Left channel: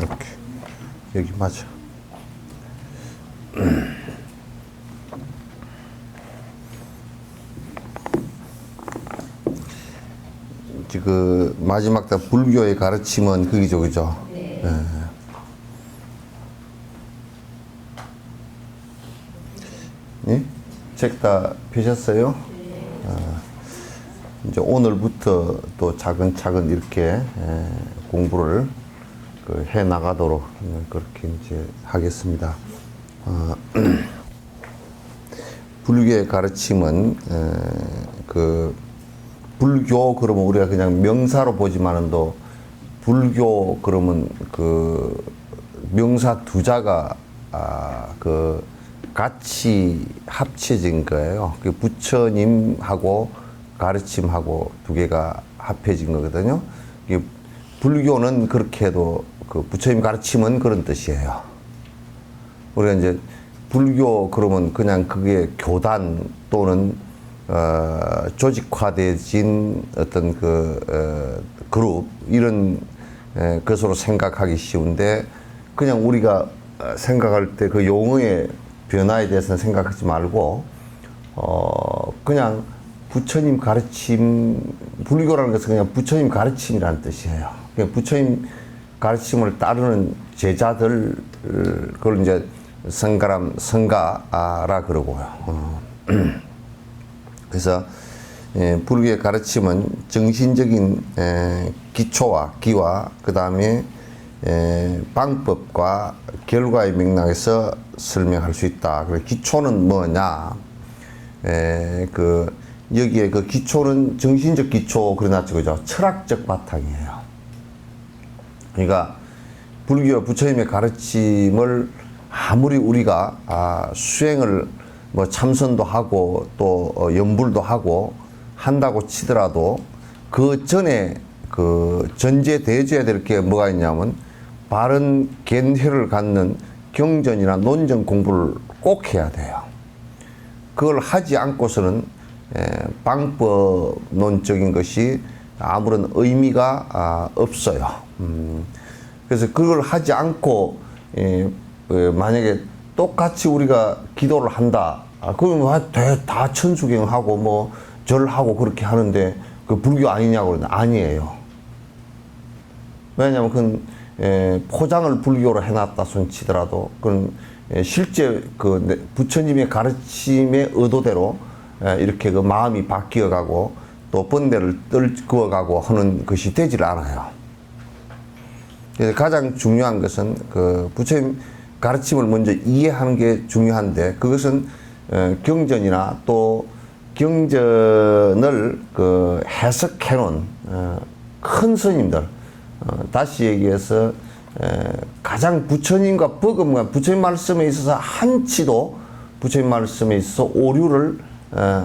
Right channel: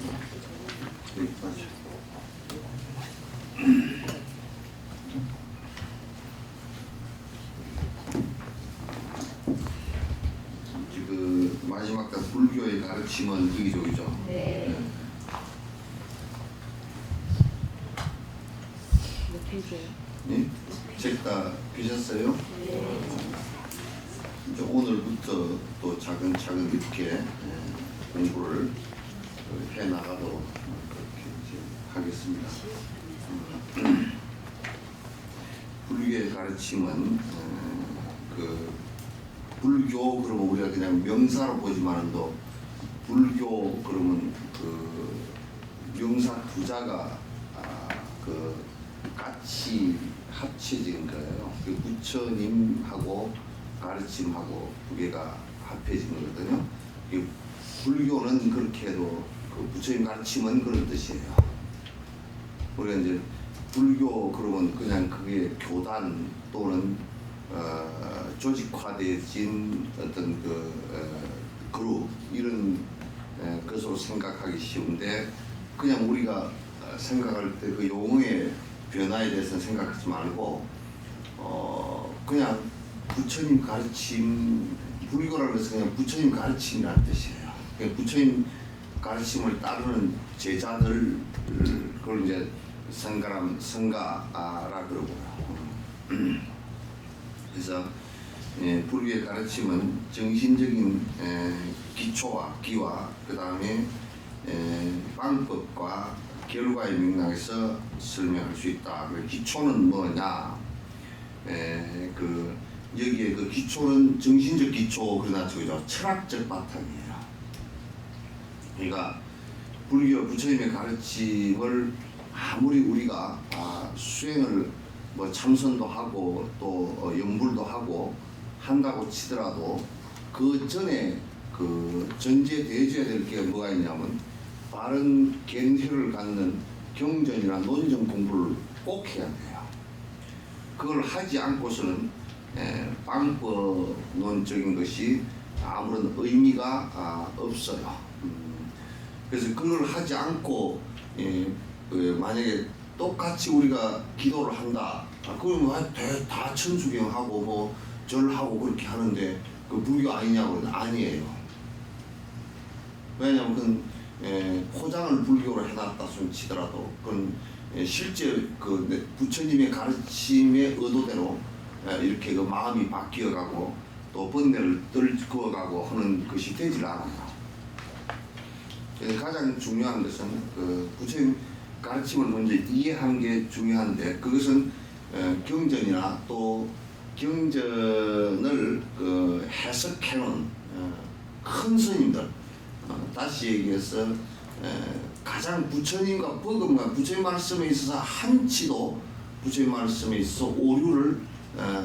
이렇게 여기 맞아. 그 마지막 다 불교의 가르침은 그기죠, 그죠? 네. 예? 책 다 펴셨어요? 이제 오늘부터 또 차근차근 이렇게 공부를 해 나가도록 그렇게 이제 하겠습니다. 불교의 가르침은 그 불교 그러면 우리가 그냥 명사로 보지만은 또 불교 그러면 그 명사 두 자가 그 같이 합쳐진 거예요. 그 부처님하고 가르침하고 두 개가 합해진 거거든요. 불교는 그렇게 해도 그 부처님 가르침은 그런 뜻이에요. 우리가 이제 불교 그러면 그냥 그게 교단 또는 조직화되진 어떤 그룹 이런 것으로 생각하기 쉬운데 그냥 우리가 생각할 때 그 용어의 변화에 대해서는 생각하지 말고 그냥 부처님 가르침, 불교라는 것은 그냥 부처님 가르침이라는 뜻이에요. 그냥 부처님 가르침을 따르는 제자들, 그걸 이제 성가라 그러고요. 그래서 불교의 가르침은 정신적인 기초와 기와 그 다음에 방법과 결과의 맥락에서 설명할 수 있다. 그래서 기초는 뭐냐? 여기에 그 기초는 정신적 기초 그러나죠, 그죠? 철학적 바탕이에요. 그러니까 불교 부처님의 가르침을 아무리 우리가 수행을 뭐 참선도 하고 또 염불도 하고 한다고 치더라도 그 전에 그 전제되어야 될 게 뭐가 있냐면 바른 견해를 갖는 경전이나 논전 공부를 꼭 해야 돼요. 그걸 하지 않고서는 방법론적인 것이 아무런 의미가 없어요. 그래서 그걸 하지 않고 만약에 똑같이 우리가 기도를 한다. 그러면 다 천수경하고 뭐 절하고 그렇게 하는데 그 불교 아니냐고 아니에요. 왜냐하면 그건 포장을 불교로 해놨다 손 치더라도 그건 실제 그 부처님의 가르침의 의도대로 이렇게 그 마음이 바뀌어가고 또 번뇌를 그어가고 하는 것이 되질 않아요. 그래서 가장 중요한 것은 그 부처님 가르침을 먼저 이해하는 게 중요한데 그것은 경전이나 또 경전을 그 해석해 놓은 큰 스님들 다시 얘기해서 가장 부처님과 버금가 부처님 말씀에 있어서 한치도 부처님 말씀에 있어서 오류를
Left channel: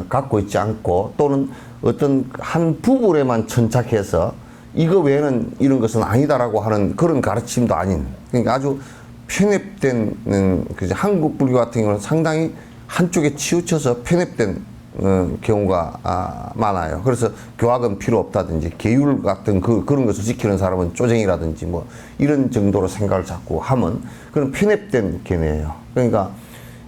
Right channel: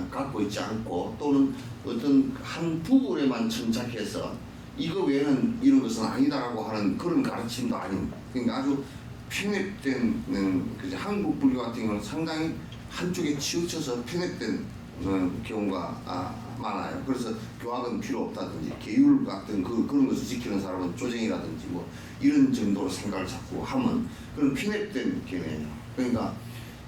갖고 있지 않고 또는 어떤 한 부분에만 천착해서 이거 외에는 이런 것은 아니다라고 하는 그런 가르침도 아닌 그러니까 아주 편협된 한국 불교 같은 경우는 상당히 한쪽에 치우쳐서 편협된 경우가 많아요. 그래서 교학은 필요 없다든지 계율 같은 그런 것을 지키는 사람은 쪼쟁이라든지 뭐 이런 정도로 생각을 자꾸 하면 그런 편협된 견해예요. 그러니까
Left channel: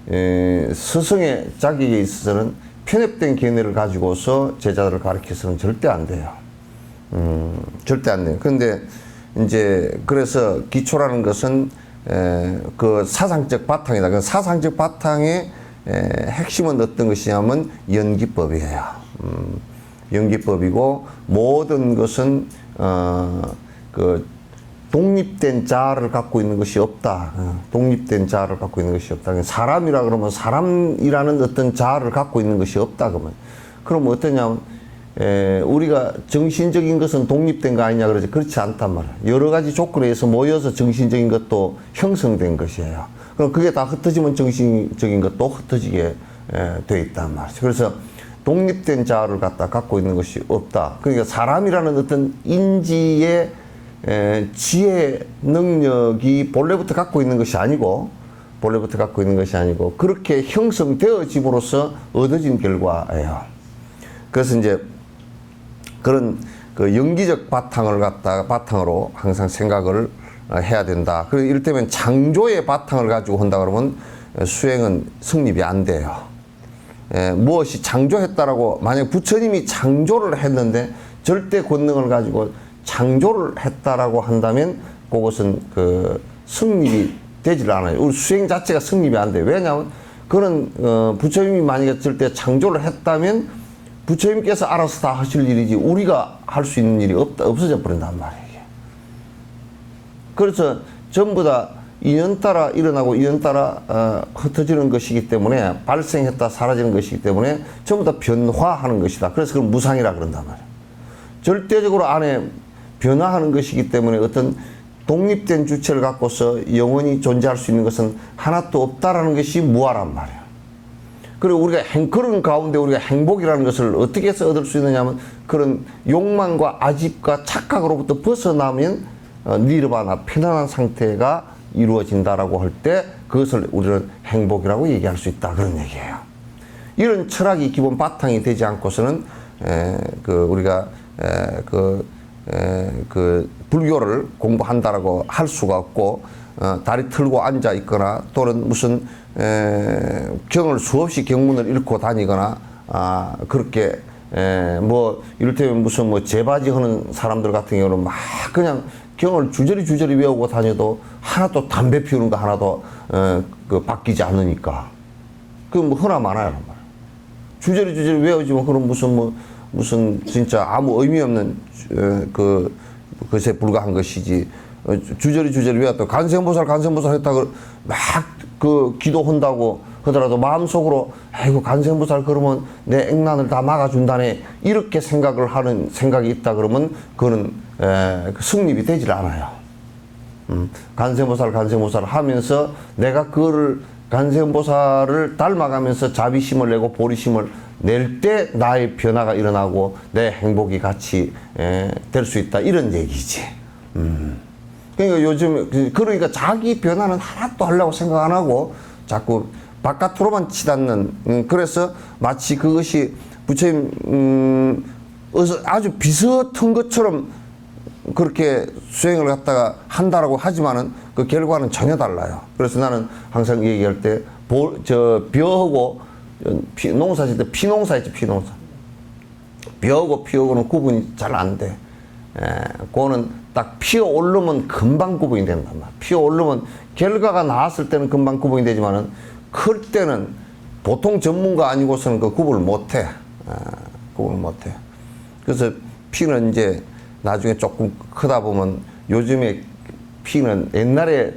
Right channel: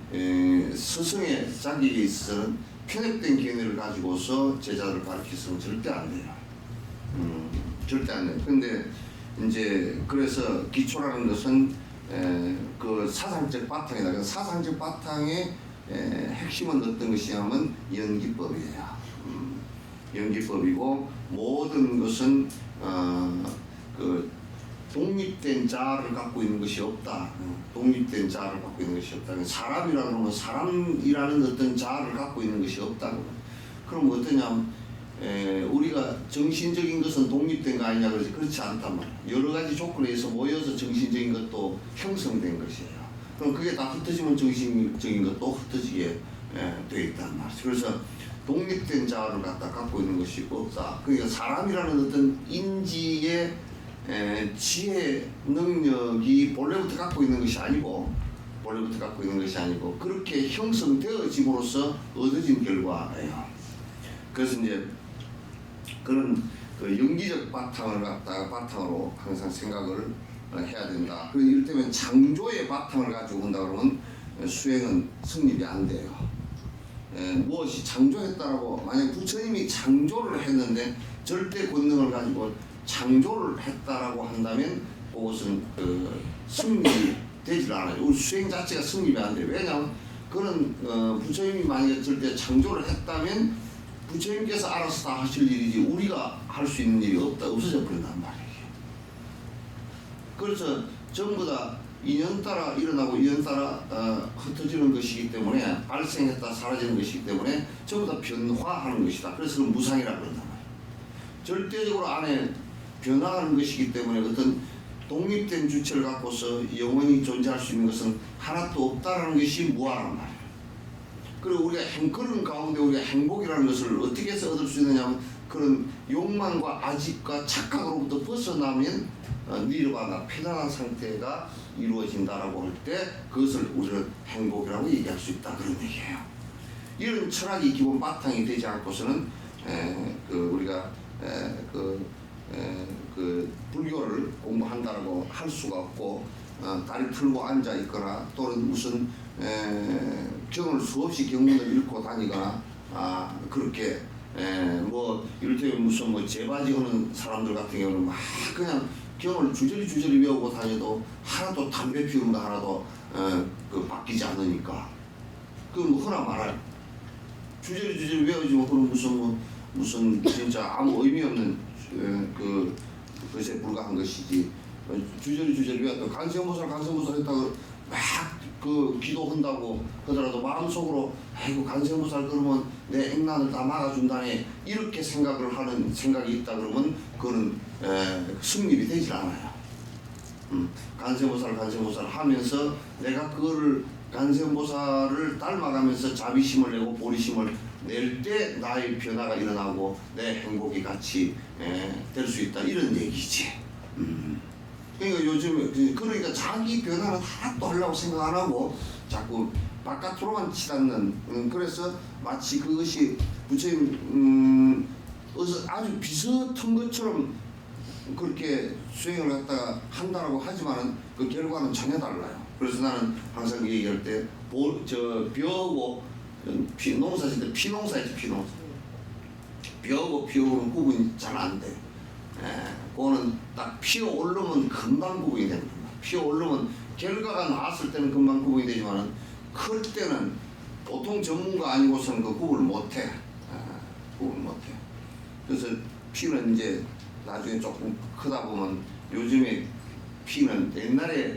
스승의 자격에 있어서는 편협된 견해를 가지고서 제자들을 가르쳐서는 절대 안 돼요. 절대 안 돼요. 그런데 이제 그래서 기초라는 것은 그 사상적 바탕이다. 그 사상적 바탕의 핵심은 어떤 것이냐면 연기법이에요. 연기법이고 모든 것은 그 독립된 자아를 갖고 있는 것이 없다. 독립된 자아를 갖고 있는 것이 없다. 사람이라 그러면 사람이라는 어떤 자아를 갖고 있는 것이 없다. 그러면 어떠냐면 우리가 정신적인 것은 독립된 거 아니냐 그러지 그렇지 않단 말이에요. 여러 가지 조건에 의해서 모여서 정신적인 것도 형성된 것이에요. 그럼 그게 다 흩어지면 정신적인 것도 흩어지게 돼 있단 말이죠. 그래서 독립된 자아를 갖고 있는 것이 없다. 그러니까 사람이라는 어떤 인지의 지혜 능력이 본래부터 갖고 있는 것이 아니고 그렇게 형성되어짐으로써 얻어진 결과예요. 그래서 이제 그런 그 연기적 바탕을 바탕으로 항상 생각을 해야 된다. 그래서 이를테면 창조의 바탕을 가지고 한다 그러면 수행은 성립이 안 돼요. 무엇이 창조했다라고 만약 부처님이 창조를 했는데 절대 권능을 가지고 창조를 했다라고 한다면 그것은 그 성립이 되질 않아요. 우리 수행 자체가 성립이 안 돼요. 왜냐하면 그런 부처님이 만약에 절대 창조를 했다면 부처님께서 알아서 다 하실 일이지 우리가 할 수 있는 일이 없어져 버린단 말이에요. 그래서 전부 다 인연 따라 일어나고 인연 따라 흩어지는 것이기 때문에 발생했다 사라지는 것이기 때문에 전부 다 변화하는 것이다. 그래서 그걸 무상이라 그런단 말이에요. 절대적으로 안에 변화하는 것이기 때문에 어떤 독립된 주체를 갖고서 영원히 존재할 수 있는 것은 하나도 없다라는 것이 무아란 말이에요. 그리고 우리가 그런 가운데 우리가 행복이라는 것을 어떻게 해서 얻을 수 있느냐면 그런 욕망과 아집과 착각으로부터 벗어나면 니르바나 편안한 상태가 이루어진다라고 할 때 그것을 우리는 행복이라고 얘기할 수 있다 그런 얘기예요. 이런 철학이 기본 바탕이 되지 않고서는 우리가 불교를 공부한다라고 할 수가 없고 다리 틀고 앉아 있거나 또는 무슨 경을 수없이 경문을 읽고 다니거나 그렇게 뭐 이를테면 무슨 뭐 제바지 하는 사람들 같은 경우는 막 그냥 경을 주저리 외우고 다녀도 하나도 담배 피우는 거 하나도 바뀌지 않으니까 그 뭐 흔하 많아요. 주저리 외우지만 그럼 무슨 진짜 아무 의미 없는 그것에 불과한 것이지. 주저리 외웠다. 간생보살 했다고 막 기도한다고 하더라도 마음속으로 아이고 간생보살 그러면 내 액난을 다 막아준다네 이렇게 생각을 하는 생각이 있다 그러면 그거는 승립이 되질 않아요. 간생보살 하면서 내가 그거를 간생보살을 닮아가면서 자비심을 내고 보리심을 낼 때 나의 변화가 일어나고 내 행복이 같이 될 수 있다 이런 얘기지. 그러니까 요즘 그러니까 자기 변화는 하나도 하려고 생각 안 하고 자꾸 바깥으로만 치닫는 그래서 마치 그것이 부처님 아주 비슷한 것처럼 그렇게 수행을 갖다가 한다라고 하지만은 그 결과는 전혀 달라요. 그래서 나는 항상 얘기할 때 벼하고 농사 짓을 때 피농사 있지 피농사. 벼하고 피하고는 구분이 잘 안 돼. 그거는 딱 피어 오르면 금방 구분이 된단 말이야. 피어 오르면 결과가 나왔을 때는 금방 구분이 되지만은 클 때는 보통 전문가 아니고서는 그 구분을 못 해. 구분을 못 해. 그래서 피는 이제 나중에 조금 크다 보면 요즘에 피는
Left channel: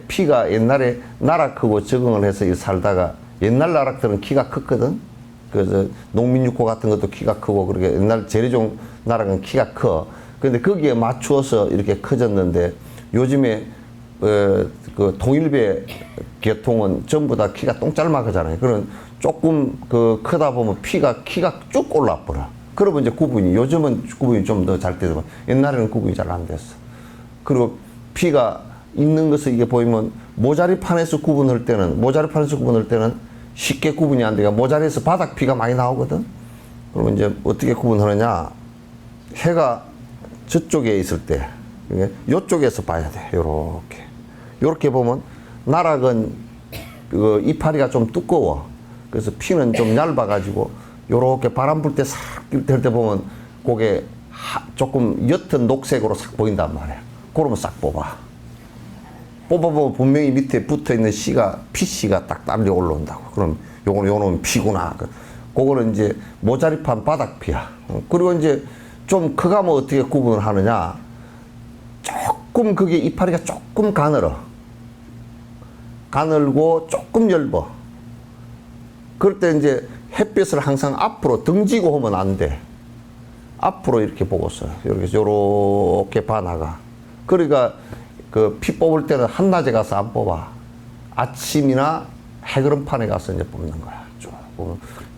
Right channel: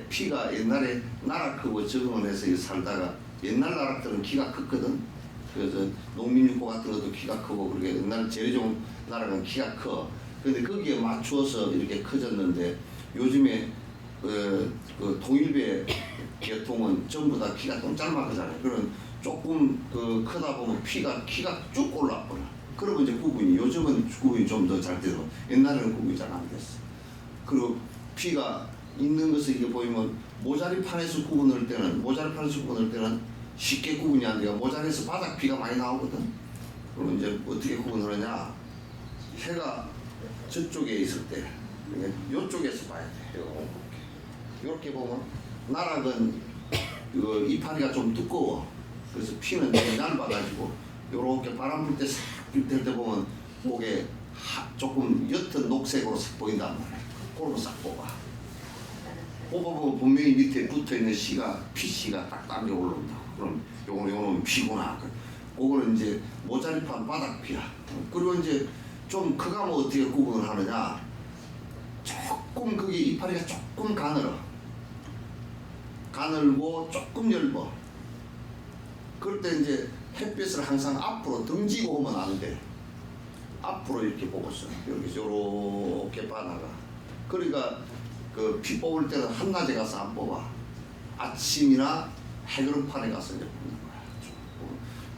피가 옛날에 나락하고 적응을 해서 살다가 옛날 나락들은 키가 컸거든. 그래서 농민육호 같은 것도 키가 크고 그렇게 옛날 재래종 나락은 키가 커. 근데 거기에 맞추어서 이렇게 커졌는데 요즘에 그 통일배 계통은 전부 다 키가 똥짤막하잖아요. 그런 조금 크다 보면 키가 쭉 올라버려. 그러면 이제 요즘은 구분이 좀 더 잘 되더라고. 옛날에는 구분이 잘 안 됐어. 그리고 피가 있는 것을 이게 보이면 모자리판에서 구분할 때는 쉽게 구분이 안 돼요. 모자리에서 바닥 피가 많이 나오거든. 그러면 이제 어떻게 구분하느냐? 해가 저쪽에 있을 때, 요쪽에서 봐야 돼. 요렇게 보면 나락은 이파리가 좀 두꺼워. 그래서 피는 좀 얇아가지고 요렇게 바람 불 때 싹 될 때 보면 그게 조금 옅은 녹색으로 싹 보인단 말이야. 그러면 싹 뽑아보면 분명히 밑에 붙어있는 피씨가 딱 딸려 올라온다고. 그럼 요거는 피구나. 그거는 이제 모자리판 바닥피야. 그리고 이제 좀 크가면 어떻게 구분을 하느냐. 조금 그게 이파리가 조금 가늘고 조금 엷어. 그럴 때 이제 햇빛을 항상 앞으로 등지고 하면 안 돼. 앞으로 이렇게 보고서 요렇게 봐나가. 그러니까 피 뽑을 때는 한낮에 가서 안 뽑아. 아침이나 해그름판에 가서 이제 뽑는 거야.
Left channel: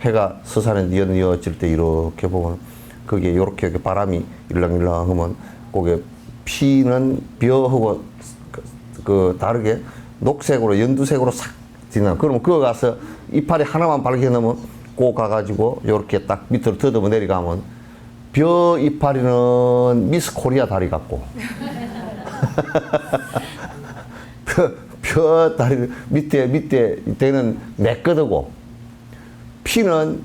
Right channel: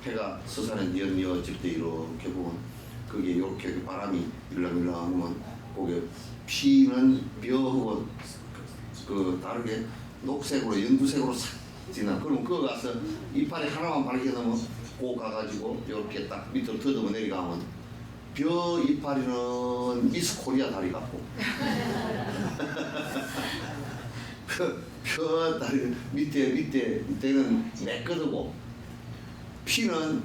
해가 서산에 뉘어질 때 이렇게 보면 그게 요렇게 바람이 일렁일렁 하면 그게 피는 벼하고 다르게 녹색으로 연두색으로 싹 지나. 그러면 그거 가서 이파리 하나만 발견하면 꼭 가가지고 요렇게 딱 밑으로 더듬어 내려가면 벼 이파리는 미스 코리아 다리 같고 뼈 다리 밑에 대는 매끄드고 피는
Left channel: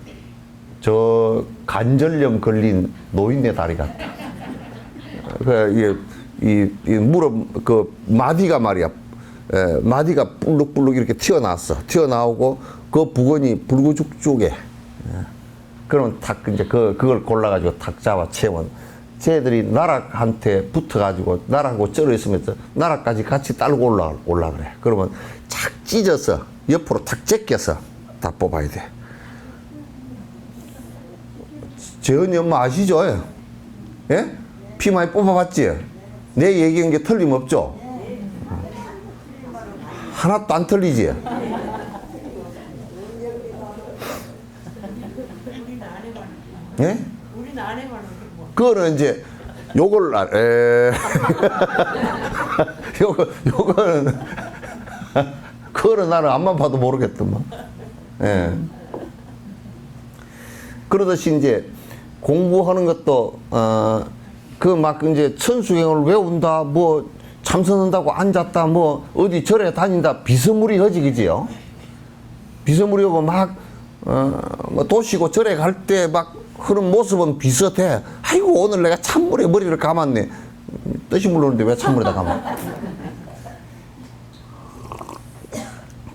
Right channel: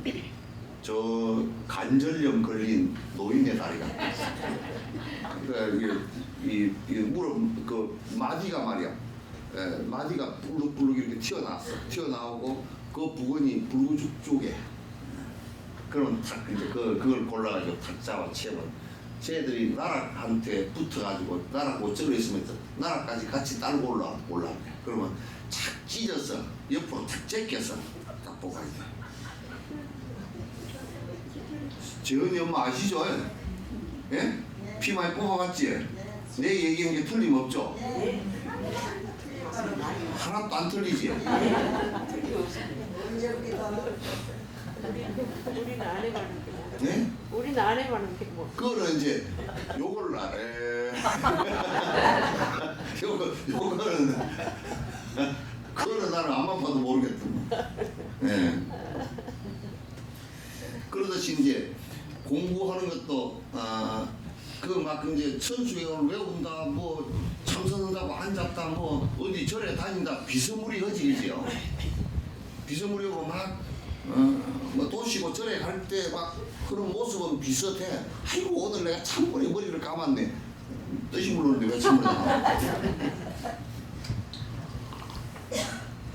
저 관절염 걸린 노인의 다리 같아. 그 이 무릎 그 마디가 말이야. 마디가 불룩불룩 이렇게 튀어나오고 그 부근이 불구죽죽해. 그러면 탁 이제 그걸 골라가지고 탁 잡아 채원. 쟤들이 나락한테 붙어가지고 나락하고 쩔어 있으면서 나락까지 같이 딸고 올라 그래. 그러면 착 찢어서 옆으로 탁 제껴서 다 뽑아야 돼. 재현이 엄마 아시죠? 예? 피 많이 뽑아봤지? 내 얘기한 게 틀림없죠? 하나도 안 틀리지? 예? 우리는 안 해봤는데 뭐. 그거는 이제 요걸 요거는 그거는 나는 앞만 봐도 모르겠더만. 예. 그러듯이 이제 공부하는 것도 그 막 이제 천수경을 외운다 뭐 참선한다고 앉았다 뭐 어디 절에 다닌다 비스무리하지 그지요? 비스무리하고 막 뭐 도시고 절에 갈 때 막 그런 모습은 비슷해. 아이고 오늘 내가 찬물에 머리를 감았네. 뜻이 모르는데 왜 찬물에다 감아?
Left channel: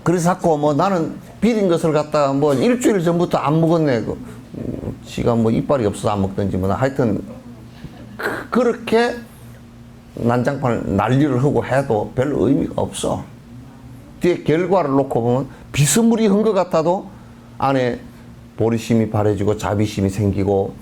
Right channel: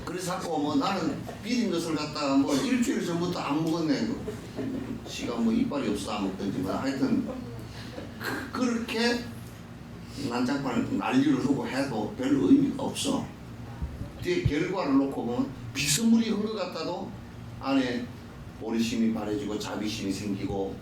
그래서 자꾸 뭐 나는 비린 것을 갖다가 뭐 일주일 전부터 안 먹었네. 지가 뭐 이빨이 없어서 안 먹든지 뭐 하여튼 그렇게 난장판을 난리를 하고 해도 별 의미가 없어. 뒤에 결과를 놓고 보면 비스무리한 것 같아도 안에 보리심이 바래지고 자비심이 생기고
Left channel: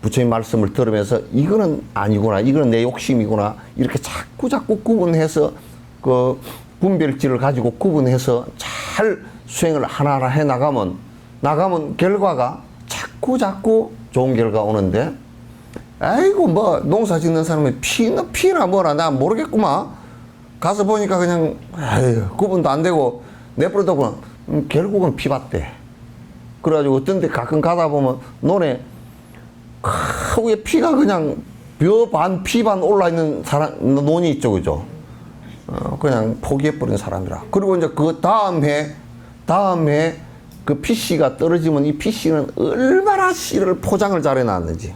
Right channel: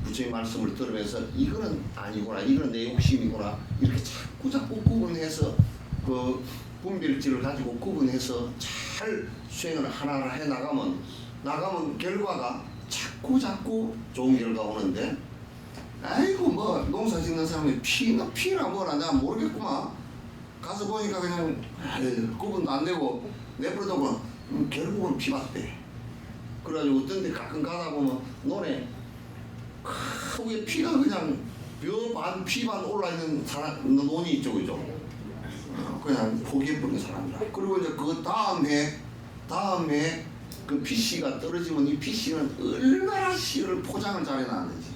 부처님 말씀을 들으면서 이거는 아니구나, 이거는 내 욕심이구나 이렇게 자꾸 구분해서 그 분별지를 가지고 구분해서 잘 수행을 하나하나 해 나가면 결과가 자꾸 좋은 결과 오는데, 아이고 뭐 농사 짓는 사람이 피나 뭐나 나 모르겠구만. 가서 보니까 그냥 구분도 안 되고 내버려두고 결국은 피봤대. 그래가지고 어떤 데 가끔 가다 보면 논에 위에 피가 그냥 뼈 반 피 반 올라있는 논이 있죠, 그죠? 그냥 포기해버린 사람이라. 그리고 이제 그 다음 해 그 피씨가 떨어지면 이 피씨는 얼마나 씨를 포장을 잘 해놨는지.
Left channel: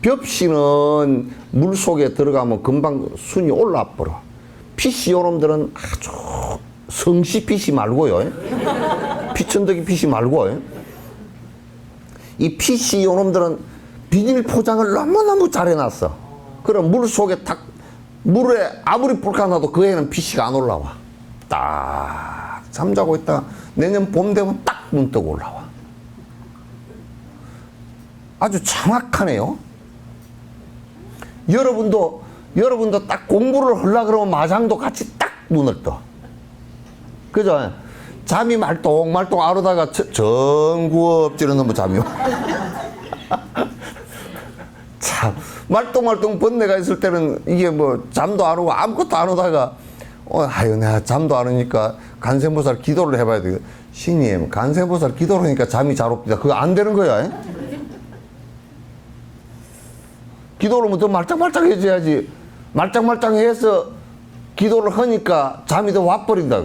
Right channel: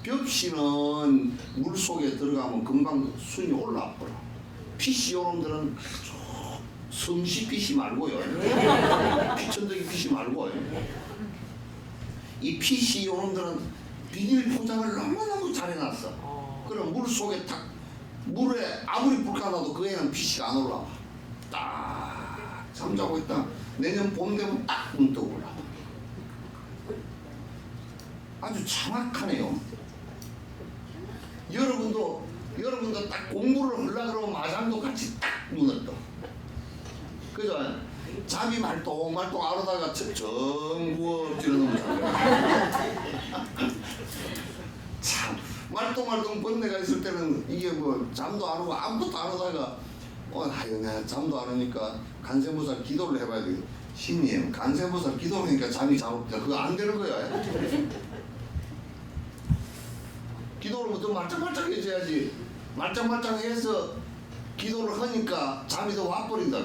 벽씨는 물 속에 들어가면 금방 순이 올라버려. 피씨 요놈들은 아주 성씨 피씨 말고요. 피천덕이 피씨 말고. 이 피씨 요놈들은 비닐 포장을 너무너무 잘 해놨어. 그럼 물 속에 물에 아무리 불가나도 그 애는 피씨가 안 올라와. 딱 잠자고 있다 내년 봄 되면 딱 눈 뜨고 올라와. 아주 정확하네요. 여러분도 딱 공부를 하려고 그러면 마장도 같이 딱 눈을 떠. 그죠? 잠이 말똥말똥 아르다가 정구업지는 놈의 잠이 와. 참 말똥말똥 번뇌가 있을 때는 이게 뭐 잠도 안 오고 아무것도 안 오다가 아유 내가 잠도 안 오니까 관세음보살 기도를 해봐야 돼. 신님 관세음보살 기도를 하니까 잠이 잘 옵니다. 그거 안 되는 거야. 기도를 뭐 더 말짱말짱 해줘야지. 말짱말짱해서 기도를 하니까 잠이 더 와버린다.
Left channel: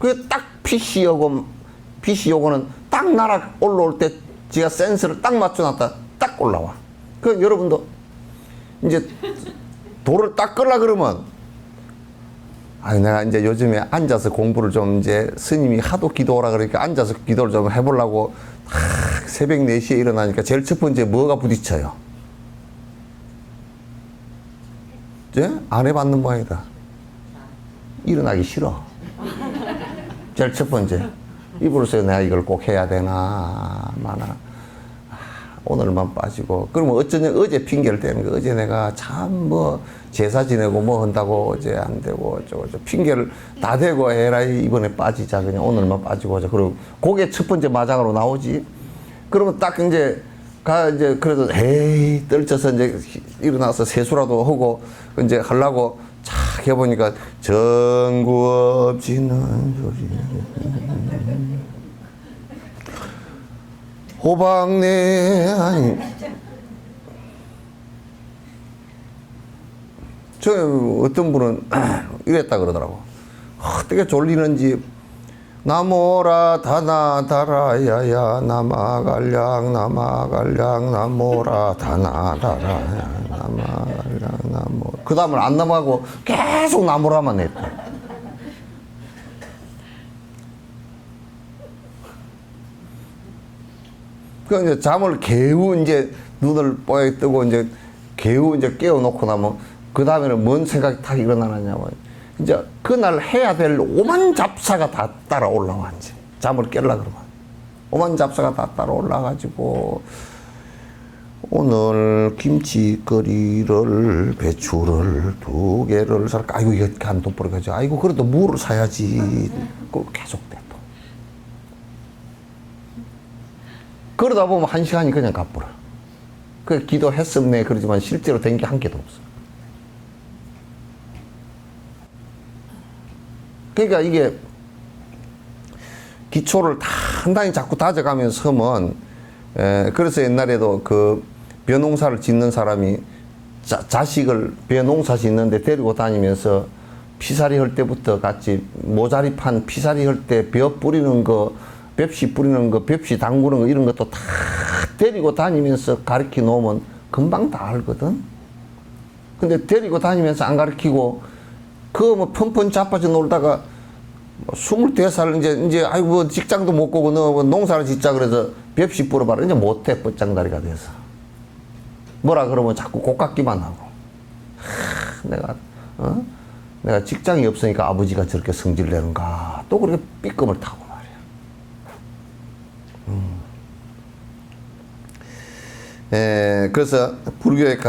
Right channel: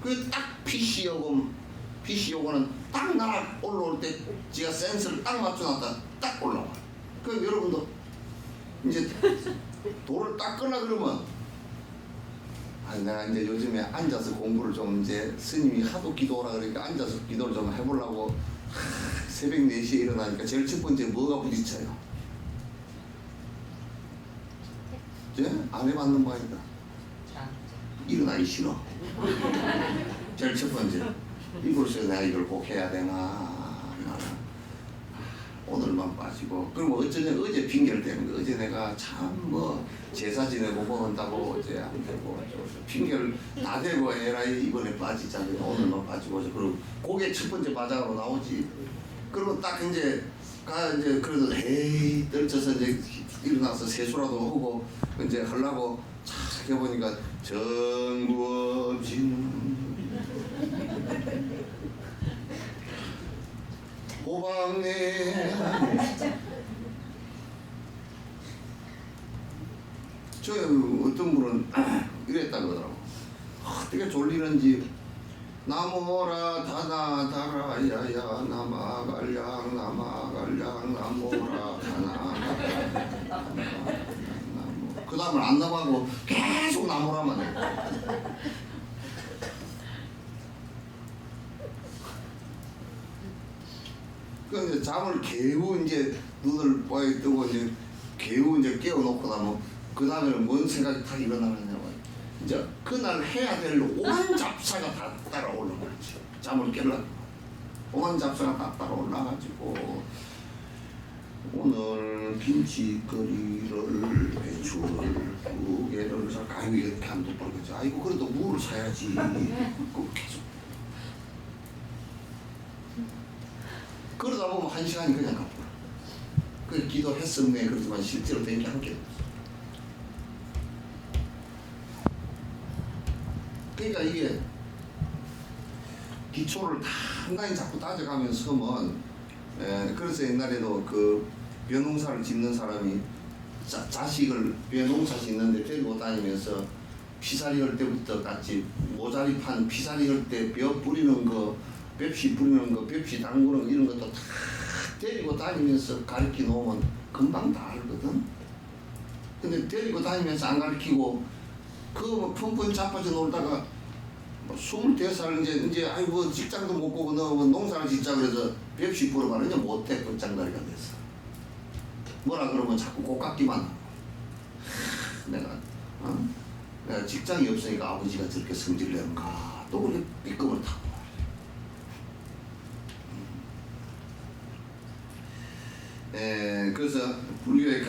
그게 딱 PC 요거는 딱 나락 올라올 때 지가 센서를 딱 맞춰놨다 딱 올라와. 그 여러분도 이제 돌을 딱 끌라 그러면 내가 이제 요즘에 앉아서 공부를 좀 이제 스님이 하도 기도하라 그러니까 앉아서 기도를 좀 해보려고 새벽 4시에 일어나니까 제일 첫 번째 뭐가 부딪혀요? 안 해봤는 모양이다. 일어나기 싫어. 제일 첫 번째. 이불에서 내가 이걸 꼭 해야 되나 마나. 오늘만 빠지고. 그러면 어제 핑계를 대는 거. 어제 내가 참 뭐 제사 지내고 뭐 한다고 어제 안 되고 어쩌고 핑계를 다 대고 해라. 이번에 빠지자. 그냥 오늘만 빠지고 하자. 그리고 그게 첫 번째 마장으로 나오지. 그러면 딱 이제 그래도 에이 떨쳐서 이제 일어나서 세수라도 하고 이제 하려고 착 해보니까 정구 없지는 소리 호박내 아니 저 어떤 분은 이랬다 그러더라고. 어떻게 졸리는지 나모라 다나다라야야 나마갈량 나마갈량 나모라 다나다라야 나마갈량 나모. 그 다음을 안 넘어가고 계속 나모라만 했다. 그 이제 잠을 개우 이제 눈을 뽀얗게 뜨고 이제 개우 이제 깨워놓고 나면 그 다음에는 뭔 생각이 다 일어나느냐면 이제 그날 해야 될 오만 잡사가 다 따라 올라와 이제 잠을 깨려 그러면 오만 잡사가 다 따라 올라가지고 오늘 김치거리를 배추를 2개를 살까 아이고 이렇게 한 돈 벌어가지고 아이고 그래도 무를 사야지 그 계속 돼. 그러다 보면 1시간이 그냥 가버려. 그 기도했었네 그러지만 실제로 된 게 한 개도 없어. 그러니까 이게 기초를 단단히 자꾸 다져가면서 하면 그래서 옛날에도 그 벼농사를 짓는 사람이 자식을 벼농사 짓는데 데리고 다니면서 피사리 할 때부터 같이 모자리 판 피사리 할 때 벼 뿌리는 거 벽시 뿌리는 거, 벽시 담그는 거 이런 것도 다 데리고 다니면서 가르쳐 놓으면 금방 다 알거든. 근데 데리고 다니면서 안 가르치고 그거 뭐 펀펀 자빠져 놀다가 22살 이제 아이고 직장도 못 가고 너 농사를 짓자 그래서 벽시 뿌려봐라 이제 못해 뻗장다리가 돼서 뭐라 그러면 자꾸 곱깎기만 하고 내가 직장이 없으니까 아버지가 저렇게 성질 내는가 또 그렇게 삐끔을 타고. 그래서 불교의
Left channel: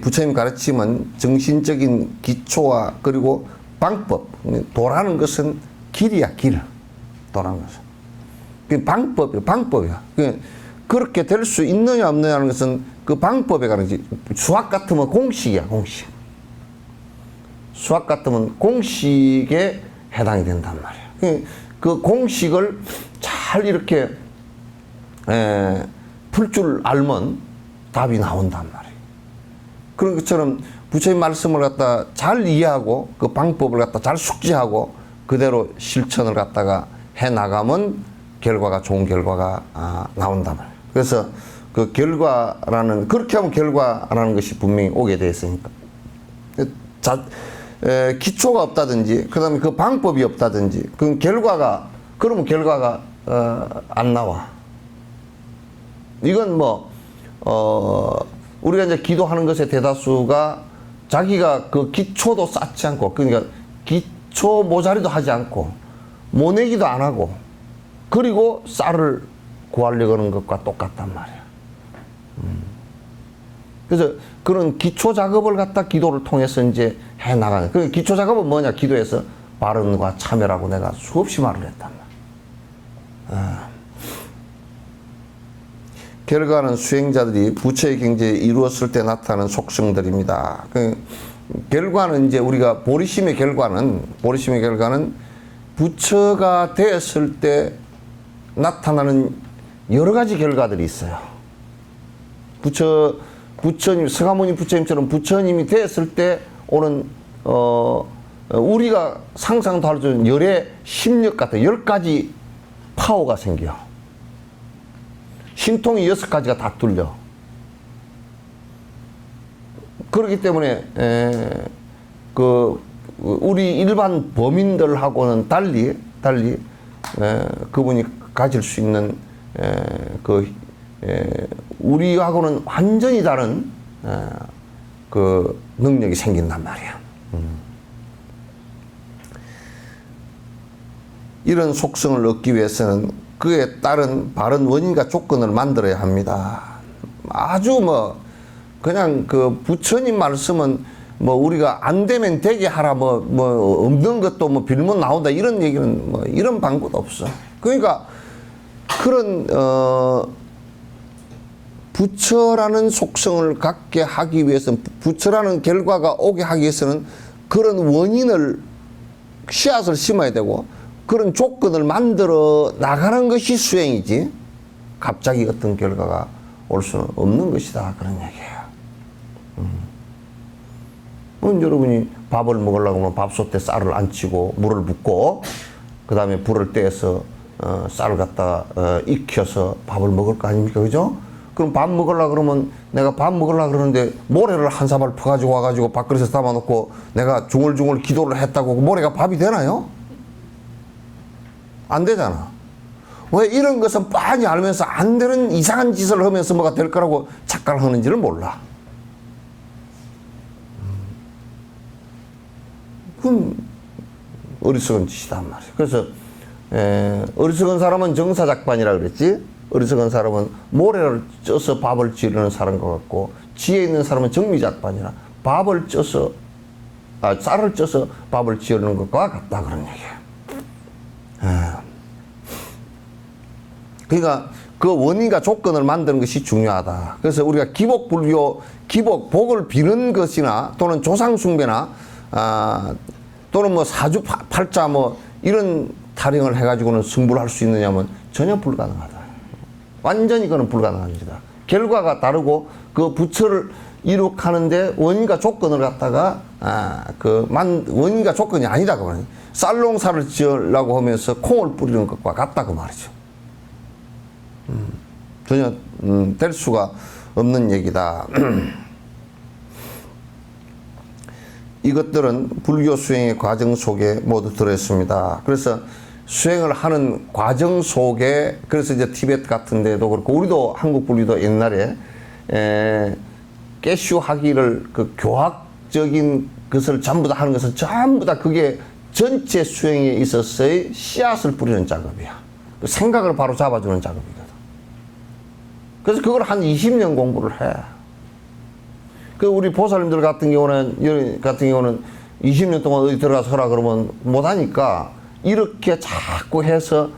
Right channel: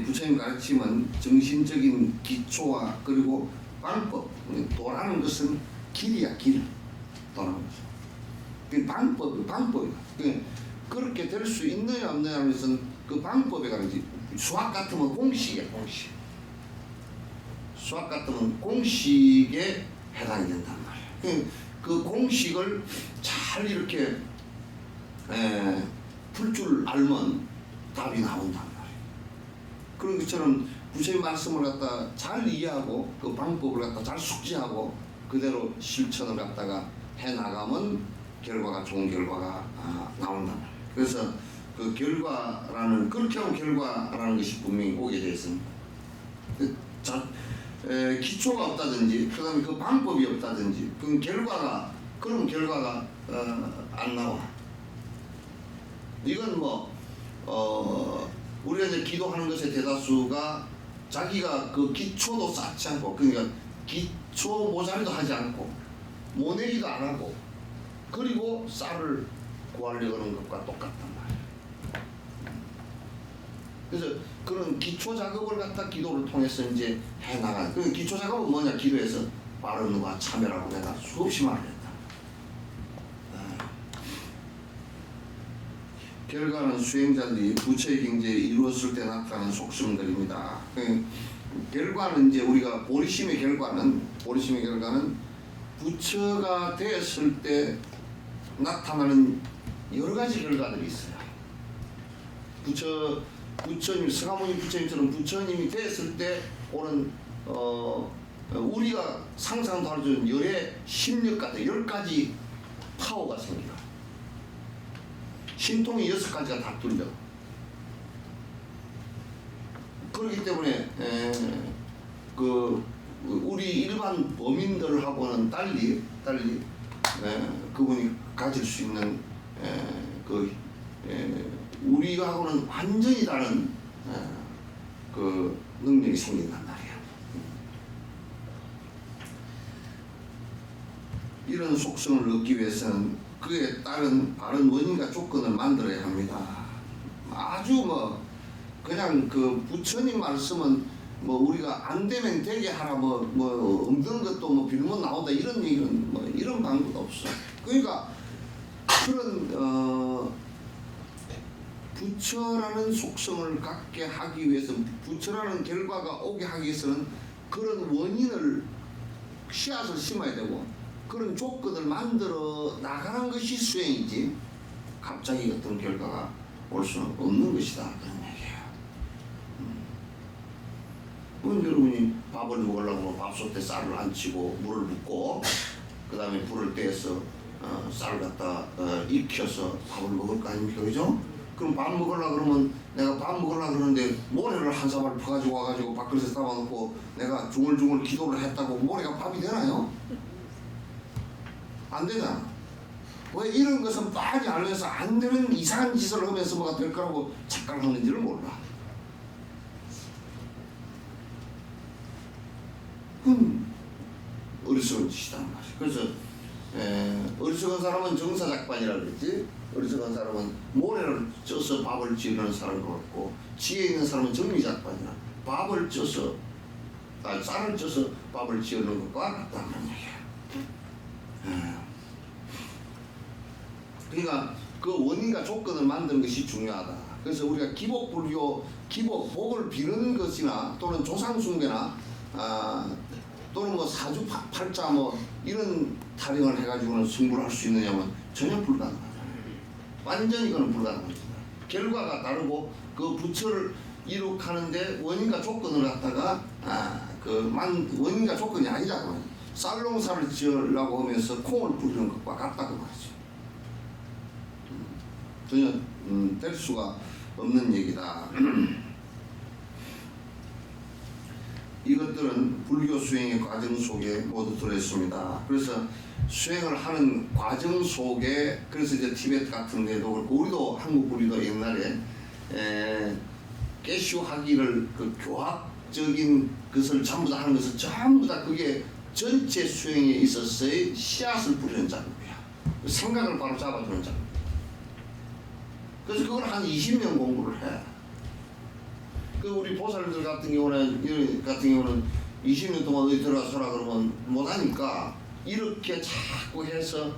부처님 가르침은 정신적인 기초와 그리고 방법, 도라는 것은 길이야, 길. 도라는 것은. 그 방법이야. 그렇게 될 수 있느냐 없느냐는 것은 그 방법에 가는지. 수학 같으면 공식이야, 공식. 수학 같으면 공식에 해당이 된단 말이야. 그 공식을 잘 이렇게 풀 줄 알면 답이 나온단 말이에요. 그런 것처럼 부처님 말씀을 갖다 잘 이해하고 그 방법을 갖다 잘 숙지하고 그대로 실천을 갖다가 해 나가면 결과가 좋은 결과가 나온단 말이에요. 그래서 그 결과라는 그렇게 하면 결과라는 것이 분명히 오게 되어 있으니까 기초가 없다든지 그다음에 그 방법이 없다든지 그러면 결과가 안 나와. 이건 우리가 이제 기도하는 것의 대다수가 자기가 그 기초도 쌓지 않고, 그러니까 기초 모자리도 하지 않고, 모내기도 안 하고, 그리고 쌀을 구하려고 하는 것과 똑같단 말이야. 그래서 그런 기초 작업을 갖다 기도를 통해서 이제 해 나가는. 그 기초 작업은 뭐냐? 기도에서 발언과 참여라고 내가 수없이 말을 했단 말이야. 결과는 수행자들이 부처의 경지에 이루었을 때 나타나는 속성들입니다. 그 결과는 이제 우리가 보리심의 결과는 부처가 되었을 때 나타나는 여러 가지 결과들이 있어요. 부처님, 서가모니 부처님처럼 부처님이 되었을 때 오는, 우리가 상상도 할 수 없는 열의 심력 같은 10가지 파워가 생겨. 신통이 6가지가 다 뚫려. 그렇기 때문에, 우리 일반 범인들하고는 달리, 그분이 가질 수 있는, 우리하고는 완전히 다른, 그 능력이 생긴단 말이야. 이런 속성을 얻기 위해서는 그에 따른 바른 원인과 조건을 만들어야 합니다. 아주 그냥 그 부처님 말씀은 우리가 안 되면 되게 하라 없는 것도 빌면 나온다 이런 얘기는 이런 방법도 없어. 그러니까 그런 부처라는 속성을 갖게 하기 위해서는 부처라는 결과가 오게 하기 위해서는 그런 원인을 씨앗을 심어야 되고 그런 조건을 만들어 나가는 것이 수행이지 갑자기 어떤 결과가 올 수는 없는 것이다 그런 얘기예요. 그럼 여러분이 밥을 먹으려고 하면 밥솥에 쌀을 안 치고 물을 붓고 그 다음에 불을 떼서 쌀을 갖다 익혀서 밥을 먹을 거 아닙니까? 그죠? 그럼 밥 먹으려고 그러면 내가 밥 먹으려고 그러는데 모래를 한 사발 퍼가지고 와가지고 밥그릇에 담아놓고 내가 중얼중얼 기도를 했다고 그 모래가 밥이 되나요? 안 되잖아. 왜 이런 것은 빤히 알면서 안 되는 이상한 짓을 하면서 뭐가 될 거라고 착각을 하는지를 몰라. 그건 어리석은 짓이단 말이야. 그래서 어리석은 사람은 정사작반이라 그랬지. 어리석은 사람은 모래를 쪄서 밥을 지르는 사람과 같고 지혜 있는 사람은 정미작반이라 밥을 쪄서 쌀을 쪄서 밥을 지르는 것과 같다 그런 얘기야. 그러니까 그 원인과 조건을 만드는 것이 중요하다. 그래서 우리가 기복불교, 복을 비는 것이나 또는 조상숭배나 또는 뭐 사주팔자 뭐 이런 타령을 해가지고는 승부를 할 수 있느냐면 전혀 불가능하다. 완전히 그건 불가능합니다. 결과가 다르고 그 부처를 이룩하는데 원인과 조건을 갖다가 원인과 조건이 아니다 그 말이에요. 쌀농사를 지으려고 하면서 콩을 뿌리는 것과 같다 그 말이죠. 전혀 될 수가 없는 얘기다. 이것들은 불교 수행의 과정 속에 모두 들어있습니다. 그래서 수행을 하는 과정 속에 그래서 이제 티베트 같은 데도 그렇고 우리도 한국 불교도 옛날에 깨슈 하기를 그 교학적인 것을 전부 다 하는 것을 전부 다 그게 전체 수행에 있어서의 씨앗을 뿌리는 작업이야. 생각을 바로 잡아주는 작업이야. 그래서 그걸 한 20년 공부를 해. 그 우리 보살님들 같은 경우는 20년 동안 어디 들어가서 하라 그러면 못하니까 이렇게 자꾸 해서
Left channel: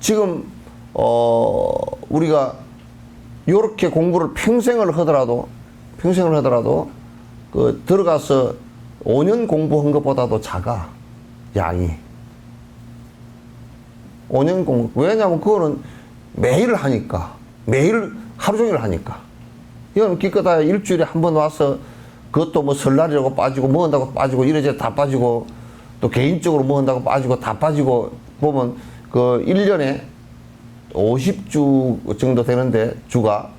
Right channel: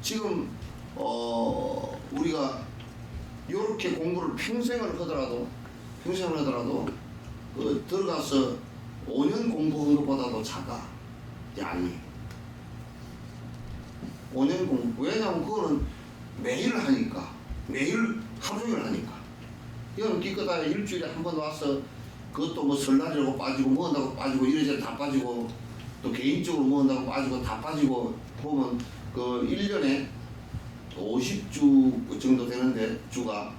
지금 우리가 이렇게 공부를 평생을 하더라도 그 들어가서 5년 공부한 것보다도 작아 양이. 5년 공부. 왜냐면 그거는 매일 하니까. 매일 하루 종일 하니까. 이건 기껏해야 일주일에 한 번 와서 그것도 뭐 설날이라고 빠지고 뭐 한다고 빠지고 이래저래 다 빠지고 또 개인적으로 뭐 한다고 빠지고 다 빠지고 보면 그 1년에 50주 정도 되는데 주가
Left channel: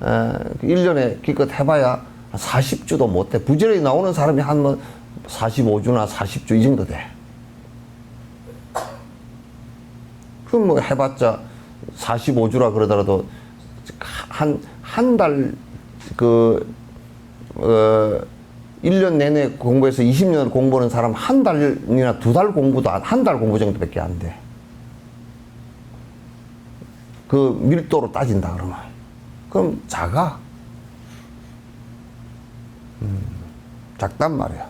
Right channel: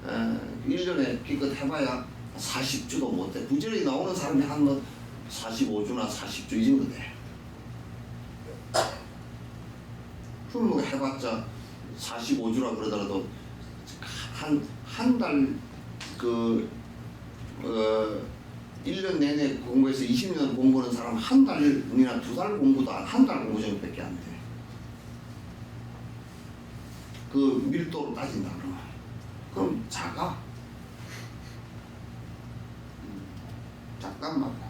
1년에 기껏 해봐야 40주도 못 돼. 부지런히 나오는 사람이 한 뭐 45주나 40주 이 정도 돼. 그럼 뭐 해봤자 45주라 그러더라도 한 달 1년 내내 공부해서 20년 공부하는 사람 한 달이나 두 달 공부도 한 달 공부 정도밖에 안 돼. 그 밀도로 따진다 그러면. 그럼 작아. 작단 말이야.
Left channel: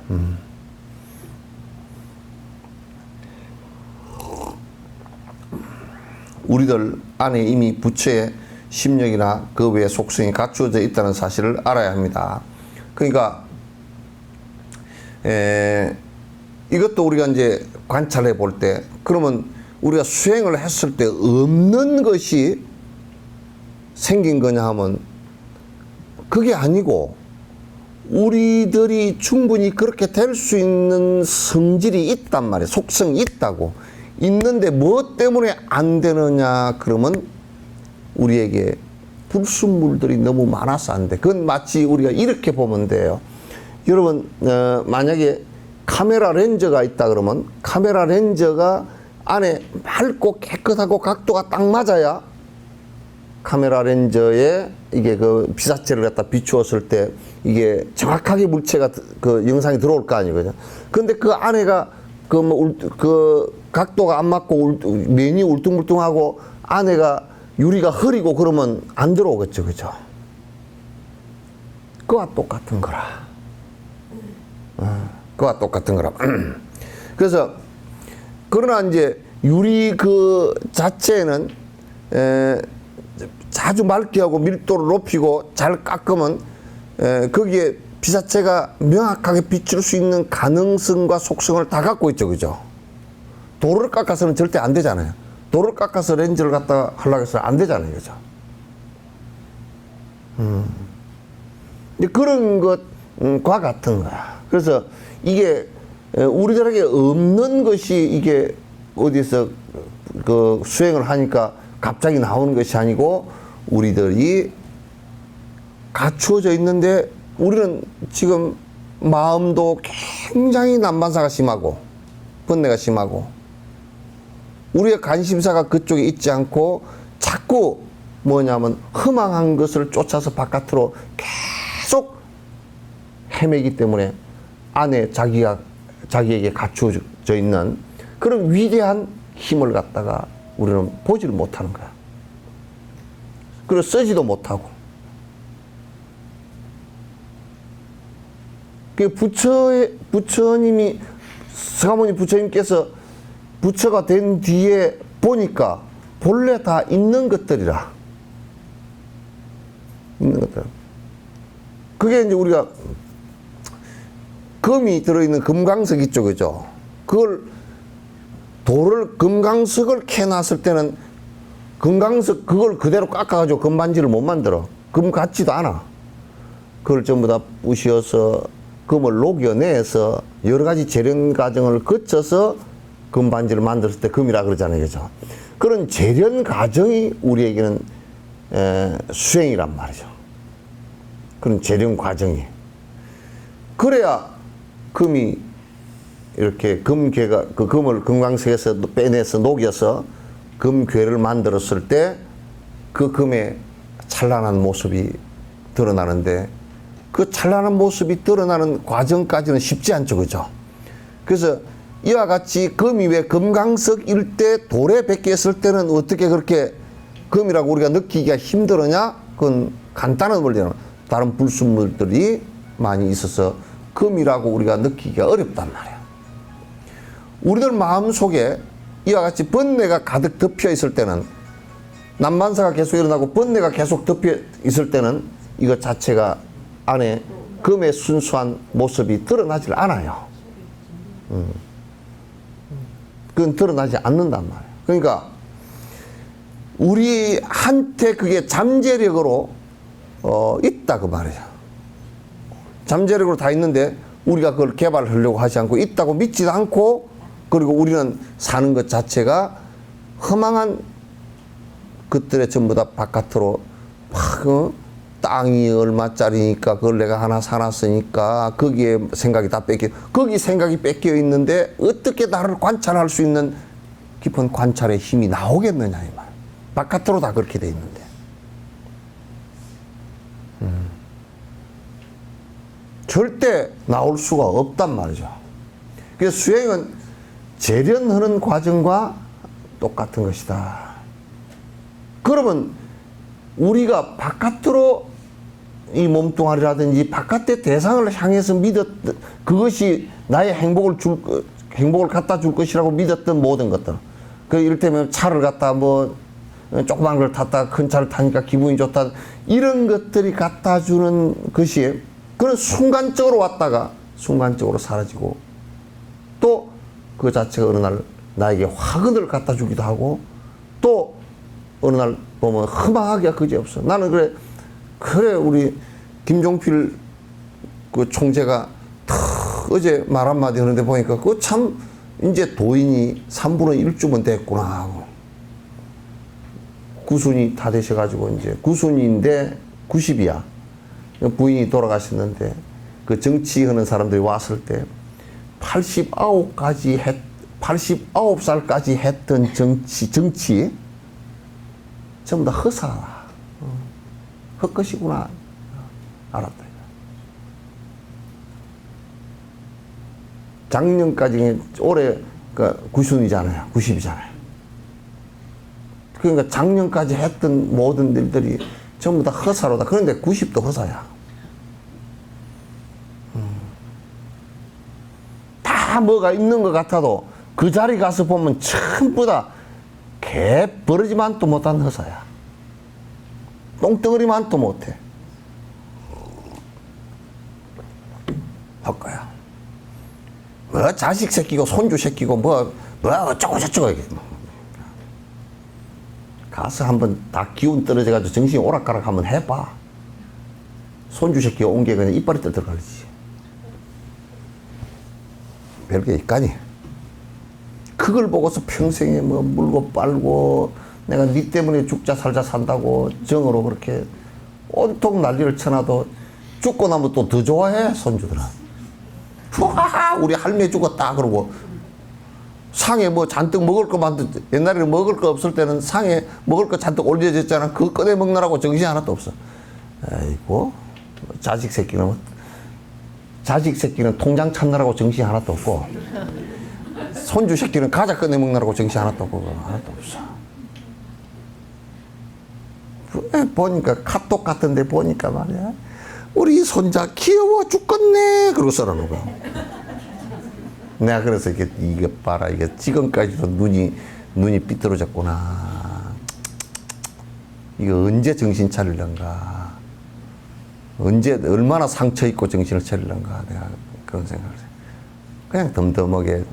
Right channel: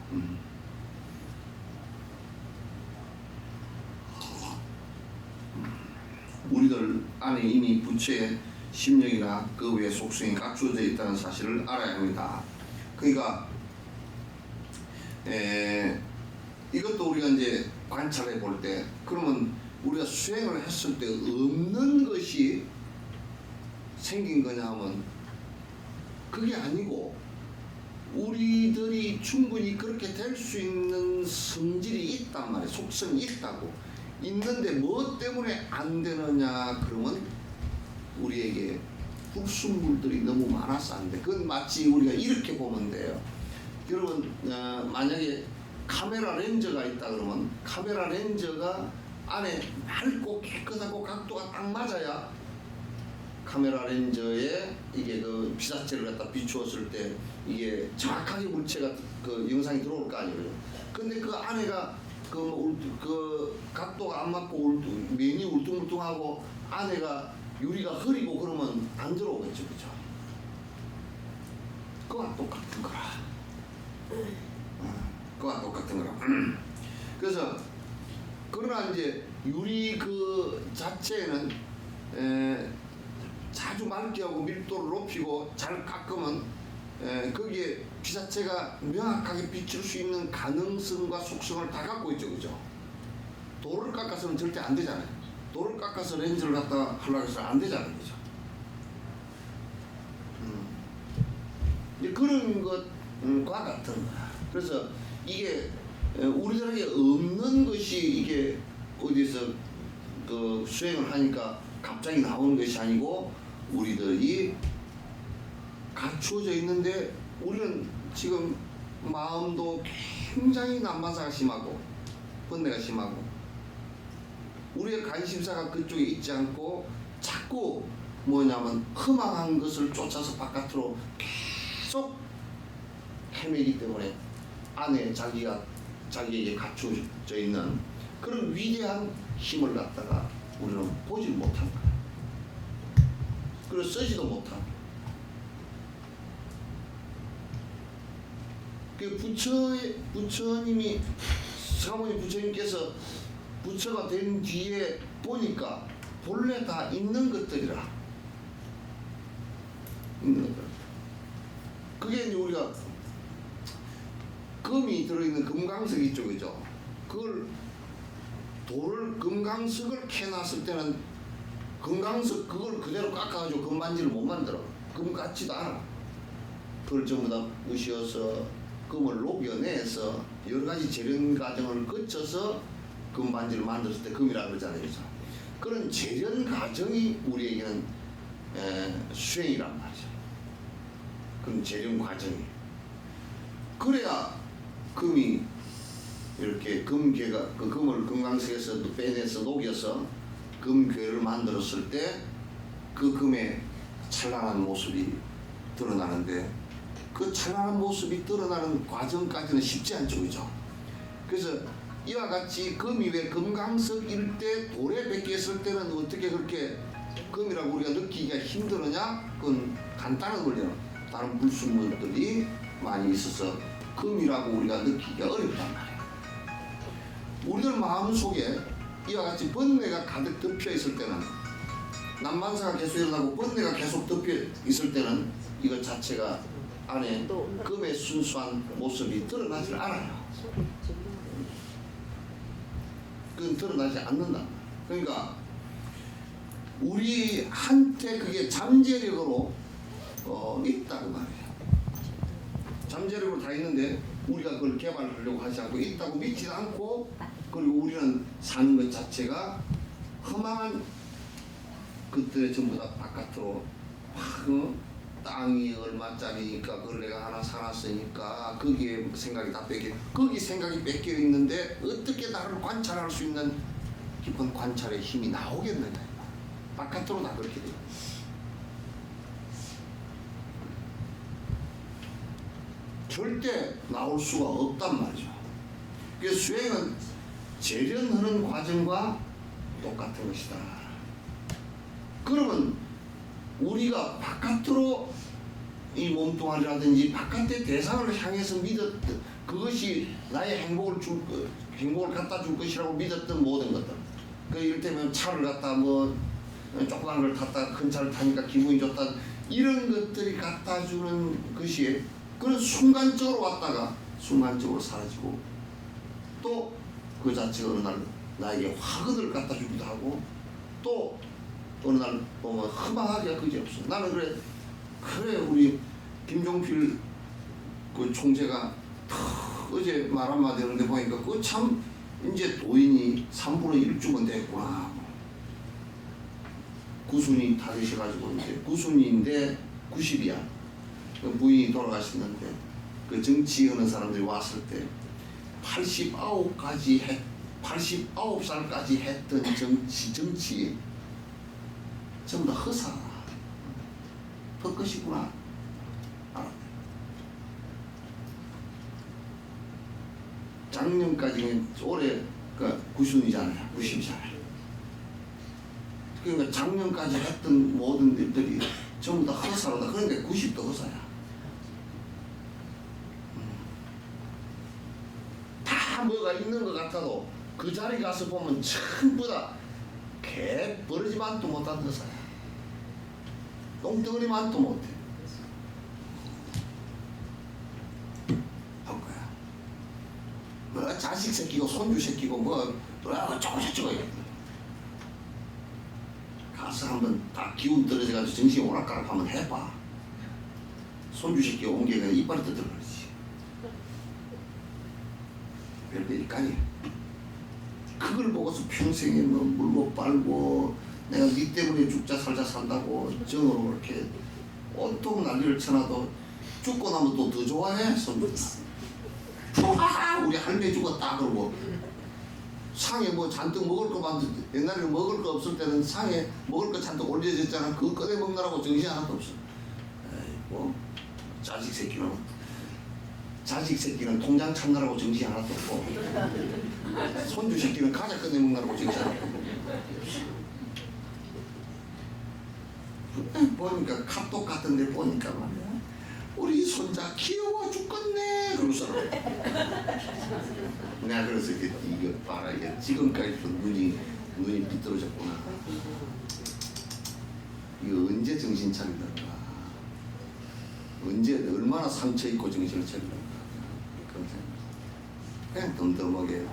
우리들 안에 이미 부처의 심령이나 그 외의 속성이 갖추어져 있다는 사실을 알아야 합니다. 그러니까 이것도 우리가 이제 관찰해 볼 때 그러면 우리가 수행을 했을 때 없는 것이 생긴 거냐 하면 그게 아니고 우리들이 충분히 그렇게 될 수 있는 성질이 있단 말이에요. 속성이 있다고. 있는데 뭐 때문에 안 되느냐 그러면 우리에게 불순물들이 너무 많아서 안 돼. 그건 마치 우리가 이렇게 보면 돼요. 여러분 만약에 카메라 렌즈가 있다 그러면 카메라 렌즈가 안에 맑고 깨끗하고 각도가 딱 맞아야 카메라 렌즈에 이게 그 피사체를 갖다 비추었을 때 이게 정확하게 물체가 그 영상이 들어올 거 아니거든요. 근데 그 안에가 그 각도가 안 맞고 면이 울퉁불퉁하고 안에가 유리가 흐리고 그러면 안 들어오겠죠, 그죠? 그와 똑같은 거라. 그와 똑같은 거라. 그래서 그러나 이제 유리 그 자체는 아주 맑게 하고 밀도를 높이고 잘 깎으면 거기에 피사체가 명확하게 비출 수 있는 가능성과 속성을 다 갖고 있죠, 그죠? 돌을 깎아서는 절대 안 되잖아요. 돌을 깎아서 렌즈를 갖다 하려고 해서 안 되잖아요, 그죠? 그런 것 과 같은 거야. 그래서 이게 우리들에게 없는 것이 이게 어디서 그 수행을 하니까 갑자기 나오는 것이 아니고 우리들이 갖추어져 있는데 우리는 지금 마음도 굉장히 난반사가 심하고 번뇌가 심하고 우리의 관심사가 그쪽에 있지 않고 자꾸 뭐냐면 허망한 것을 쫓아서 바깥으로 계속 헤매기 때문에 안에 자기에게 갖추어져 있는 그런 위대한 힘을 갖다가 우리는 보지를 못하는 거야. 그리고 쓰지도 못하고. 그 부처님이, 서가모니 부처님께서 부처가 된 뒤에 보니까 본래 다 있는 것들이라. 있는 것들. 그게 이제 우리가 금이 들어있는 금강석 있죠, 그죠? 그걸 금강석을 캐놨을 때는 금강석 그걸 그대로 깎아가지고 금반지를 못 만들어. 금 같지도 않아. 그걸 전부 다 부셔서 금을 녹여내서 여러 가지 재련 과정을 거쳐서 금반지를 만들었을 때 금이라 그러잖아요, 그죠? 그런 재련 과정이 우리에게는 수행이란 말이죠. 그런 재련 과정이. 그래야 금이 이렇게 금괴가 그 금을 금강석에서 빼내서 녹여서 금괴를 만들었을 때 그 금의 찬란한 모습이 드러나는데 그 찬란한 모습이 드러나는 과정까지는 쉽지 않죠, 그죠? 그래서 이와 같이 금이 왜 금강석일 때 돌에 베꼈을 때는 어떻게 그렇게 금이라고 우리가 느끼기가 힘들었냐? 그건 간단한 원리는 다른 불순물들이 많이 있어서 금이라고 우리가 느끼기가 어렵단 말이야. 우리들 마음속에 이와 같이 번뇌가 가득 덮여 있을 때는 난반사가 계속 일어나고 번뇌가 계속 덮여 있을 때는 이것 자체가 안에 금의 순수한 모습이 드러나질 않아요. 그건 드러나지 않는단 말이에요. 그러니까 우리한테 그게 잠재력으로 있다 그 말이에요. 잠재력으로 다 있는데 우리가 그걸 개발하려고 하지 않고 있다고 믿지도 않고 그리고 우리는 사는 것 자체가 허망한 것들에 전부 다 바깥으로 막 땅이 얼마짜리니까 그걸 내가 하나 사놨으니까 거기에 생각이 다 거기 생각이 뺏겨 있는데 어떻게 나를 관찰할 수 있는 깊은 관찰의 힘이 나오겠느냐 이 말. 바깥으로 다 그렇게 돼 있는데. 절대 나올 수가 없단 말이죠. 그래서 수행은 재련하는 과정과 똑같은 것이다. 그러면 우리가 바깥으로 이 몸뚱아리라든지 바깥의 대상을 향해서 믿었던 그것이 나의 행복을 갖다 줄 것이라고 믿었던 모든 것들. 그 이를테면 차를 갖다 뭐 조그만 걸 탔다 큰 차를 타니까 기분이 좋다 이런 것들이 갖다 주는 것이 그런 순간적으로 왔다가 순간적으로 사라지고 또 그 자체가 어느 날 나에게 화근을 갖다 주기도 하고 또 어느 날 보면 허망하기가 그지없어. 나는 그래 우리 김종필 그 총재가 어제 말 한마디 하는데 보니까 그거 참 이제 도인이 3분의 1주면 됐구나 하고 구순이 다 되셔가지고 이제 구순인데 90이야. 부인이 돌아가셨는데 그 정치하는 사람들이 왔을 때 89살까지 했던 정치 전부 다 허사라. 헛것이구나. 알았다. 작년까지 올해 그 90이잖아요. 90이잖아요. 그러니까 작년까지 했던 모든 일들이 전부 다 허사로다. 그런데 90도 허사야. 다 뭐가 있는 것 같아도 그 자리 가서 보면 전부 다 개버러지만도 못한 허사야. 똥덩어리만도 못해. 헛거야. 뭐 자식 새끼고 손주 새끼고 뭐 어쩌고 저쩌고 이게. 가서 한번 다 기운 떨어져가지고 정신이 오락가락 한번 해봐. 손주 새끼가 온 게 그냥 이빨이 뜯어가지. 별게 있까니. 그걸 보고서 평생에 뭐 물고 빨고 내가 네 때문에 죽자 살자 산다고 정으로 그렇게 온통 난리를 쳐놔도 죽고 나면 또 더 좋아해 손주들은. 후하하 우리 할매 죽었다 그러고 상에 뭐 잔뜩 먹을 거 만들 옛날에는 먹을 거 없을 때는 상에 먹을 거 잔뜩 올려졌잖아. 그거 꺼내 먹느라고 정신이 하나도 없어. 아이고 자식 새끼는 통장 찾느라고 정신이 하나도 없고 손주 새끼는 과자 꺼내 먹느라고 정신이 하나도 없고 하나도 없어. 보니까 카톡 같은데 보니까 말이야 우리 손자 귀여워 죽겠네 그러고 써라는 거. 내가 그래서 이게 봐라 이게 지금까지도 눈이 삐뚤어졌구나. 이거 언제 정신 차리려는가. 언제 얼마나 상처 있고 정신을 차리려는가 내가 그런 생각을 해. 그냥 덤덤하게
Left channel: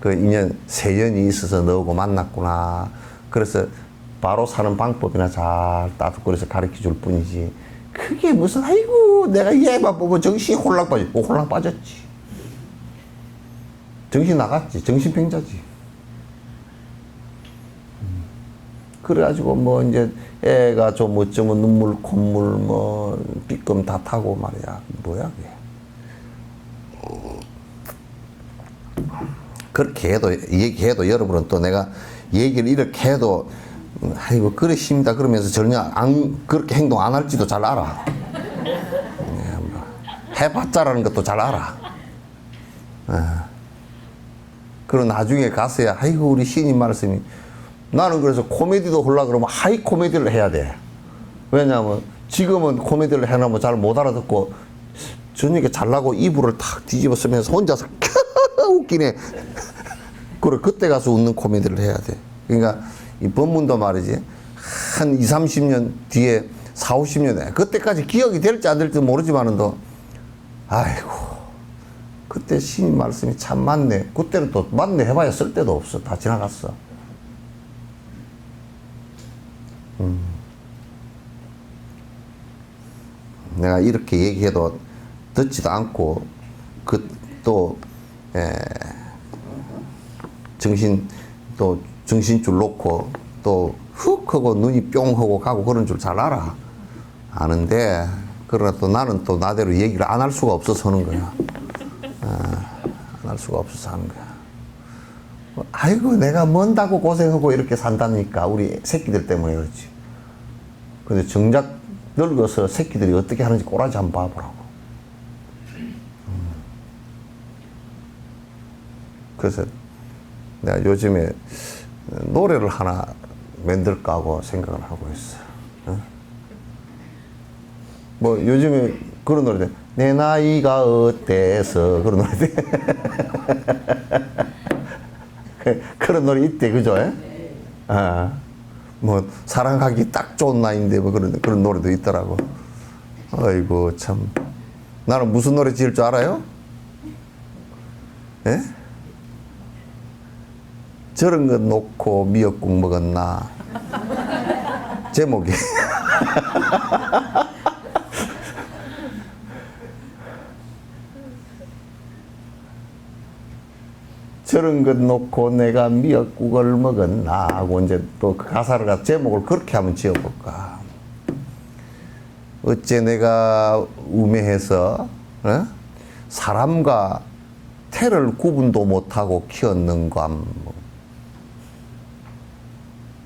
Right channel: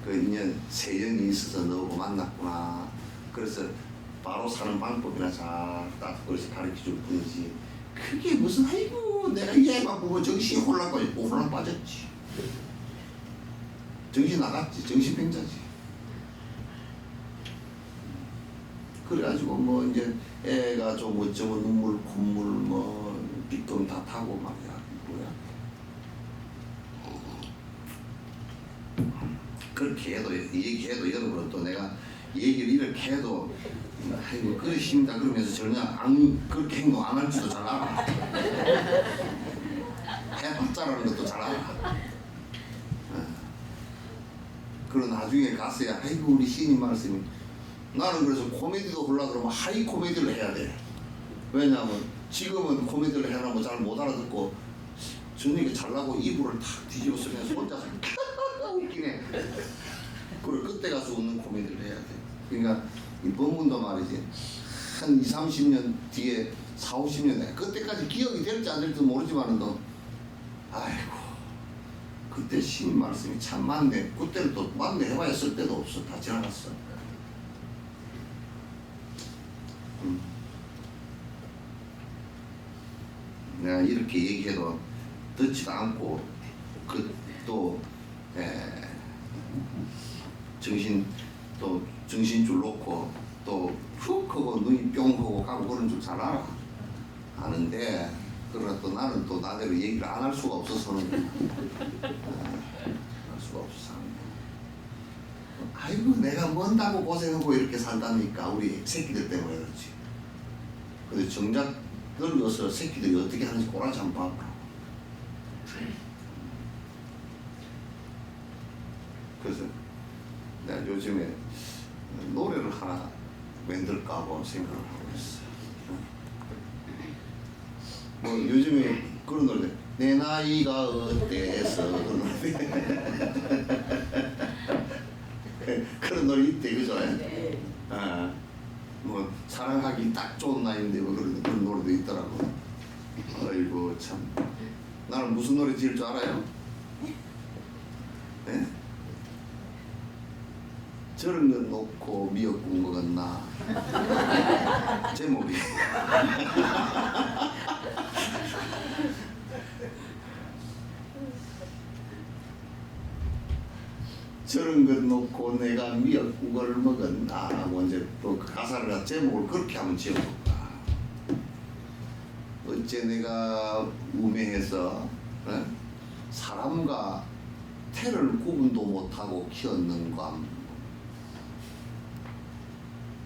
그 인연 세연이 있어서 너하고 만났구나. 그래서 바로 사는 방법이나 잘 따뜻거려서 가르쳐 줄 뿐이지. 그게 무슨 아이고 내가 얘만 보고 정신이 홀랑 빠졌고 홀랑 빠졌지. 정신 나갔지. 정신병자지. 그래가지고 뭐 이제 애가 좀 어쩌면 눈물 콧물 뭐 삐끔 다 타고 말이야. 뭐야 그게. 그렇게 해도 얘기해도 여러분은 또 내가 얘기를 이렇게 해도 아이고 그러십니다 그러면서 전혀 안 그렇게 행동 안 할지도 잘 알아. 해봤자라는 것도 잘 알아. 그리고 나중에 가서야 아이고 우리 시인님 말씀이 나는 그래서 코미디도 하려고 그러면 하이 코미디를 해야 돼. 왜냐하면 지금은 코미디를 해놓으면 잘 못 알아듣고 저녁에 잘나고 이불을 탁 뒤집어 쓰면서 혼자서 웃기네. 그래 그때 가서 웃는 코미디를 해야 돼. 그러니까 이 법문도 말이지 한 20, 30년 뒤에 40, 50년에 그때까지 기억이 될지 안 될지 모르지만은 또 아이고 그때 시인 말씀이 참 맞네. 그때는 또 맞네 해봐야 쓸 데도 없어. 다 지나갔어. 내가 이렇게 얘기해도 듣지도 않고 또 정신줄 놓고 또 훅 하고 눈이 뿅 하고 가고 그런 줄 잘 알아. 아는데 그러나 또 나는 또 나대로 얘기를 안 할 수가 없어서 하는 거야. 안 할 수가 없어서 하는 거야. 아이고 내가 뭔다고 고생하고 이렇게 산다니까 우리 새끼들 때문에 그렇지. 근데 정작 늙어서 새끼들이 어떻게 하는지 꼬라지 한번 봐보라고. 그래서 내가 요즘에 노래를 하나 만들까 하고 생각을 하고 있어. 뭐 요즘에 그런 노래들 내 나이가 어때서 그런 노래들 그런 노래 있대 그죠? 뭐 사랑하기 딱 좋은 나이인데 뭐 그런 노래도 있더라고. 아이고 참 나는 무슨 노래 지을 줄 알아요? 예? 저런 거 놓고 미역국 먹었나 제목이 저런 것 놓고 내가 미역국을 먹었나 하고 이제 또 그 가사를 제목을 그렇게 한번 지어볼까. 어째 내가 우매해서 사람과 태를 구분도 못하고 키웠는감.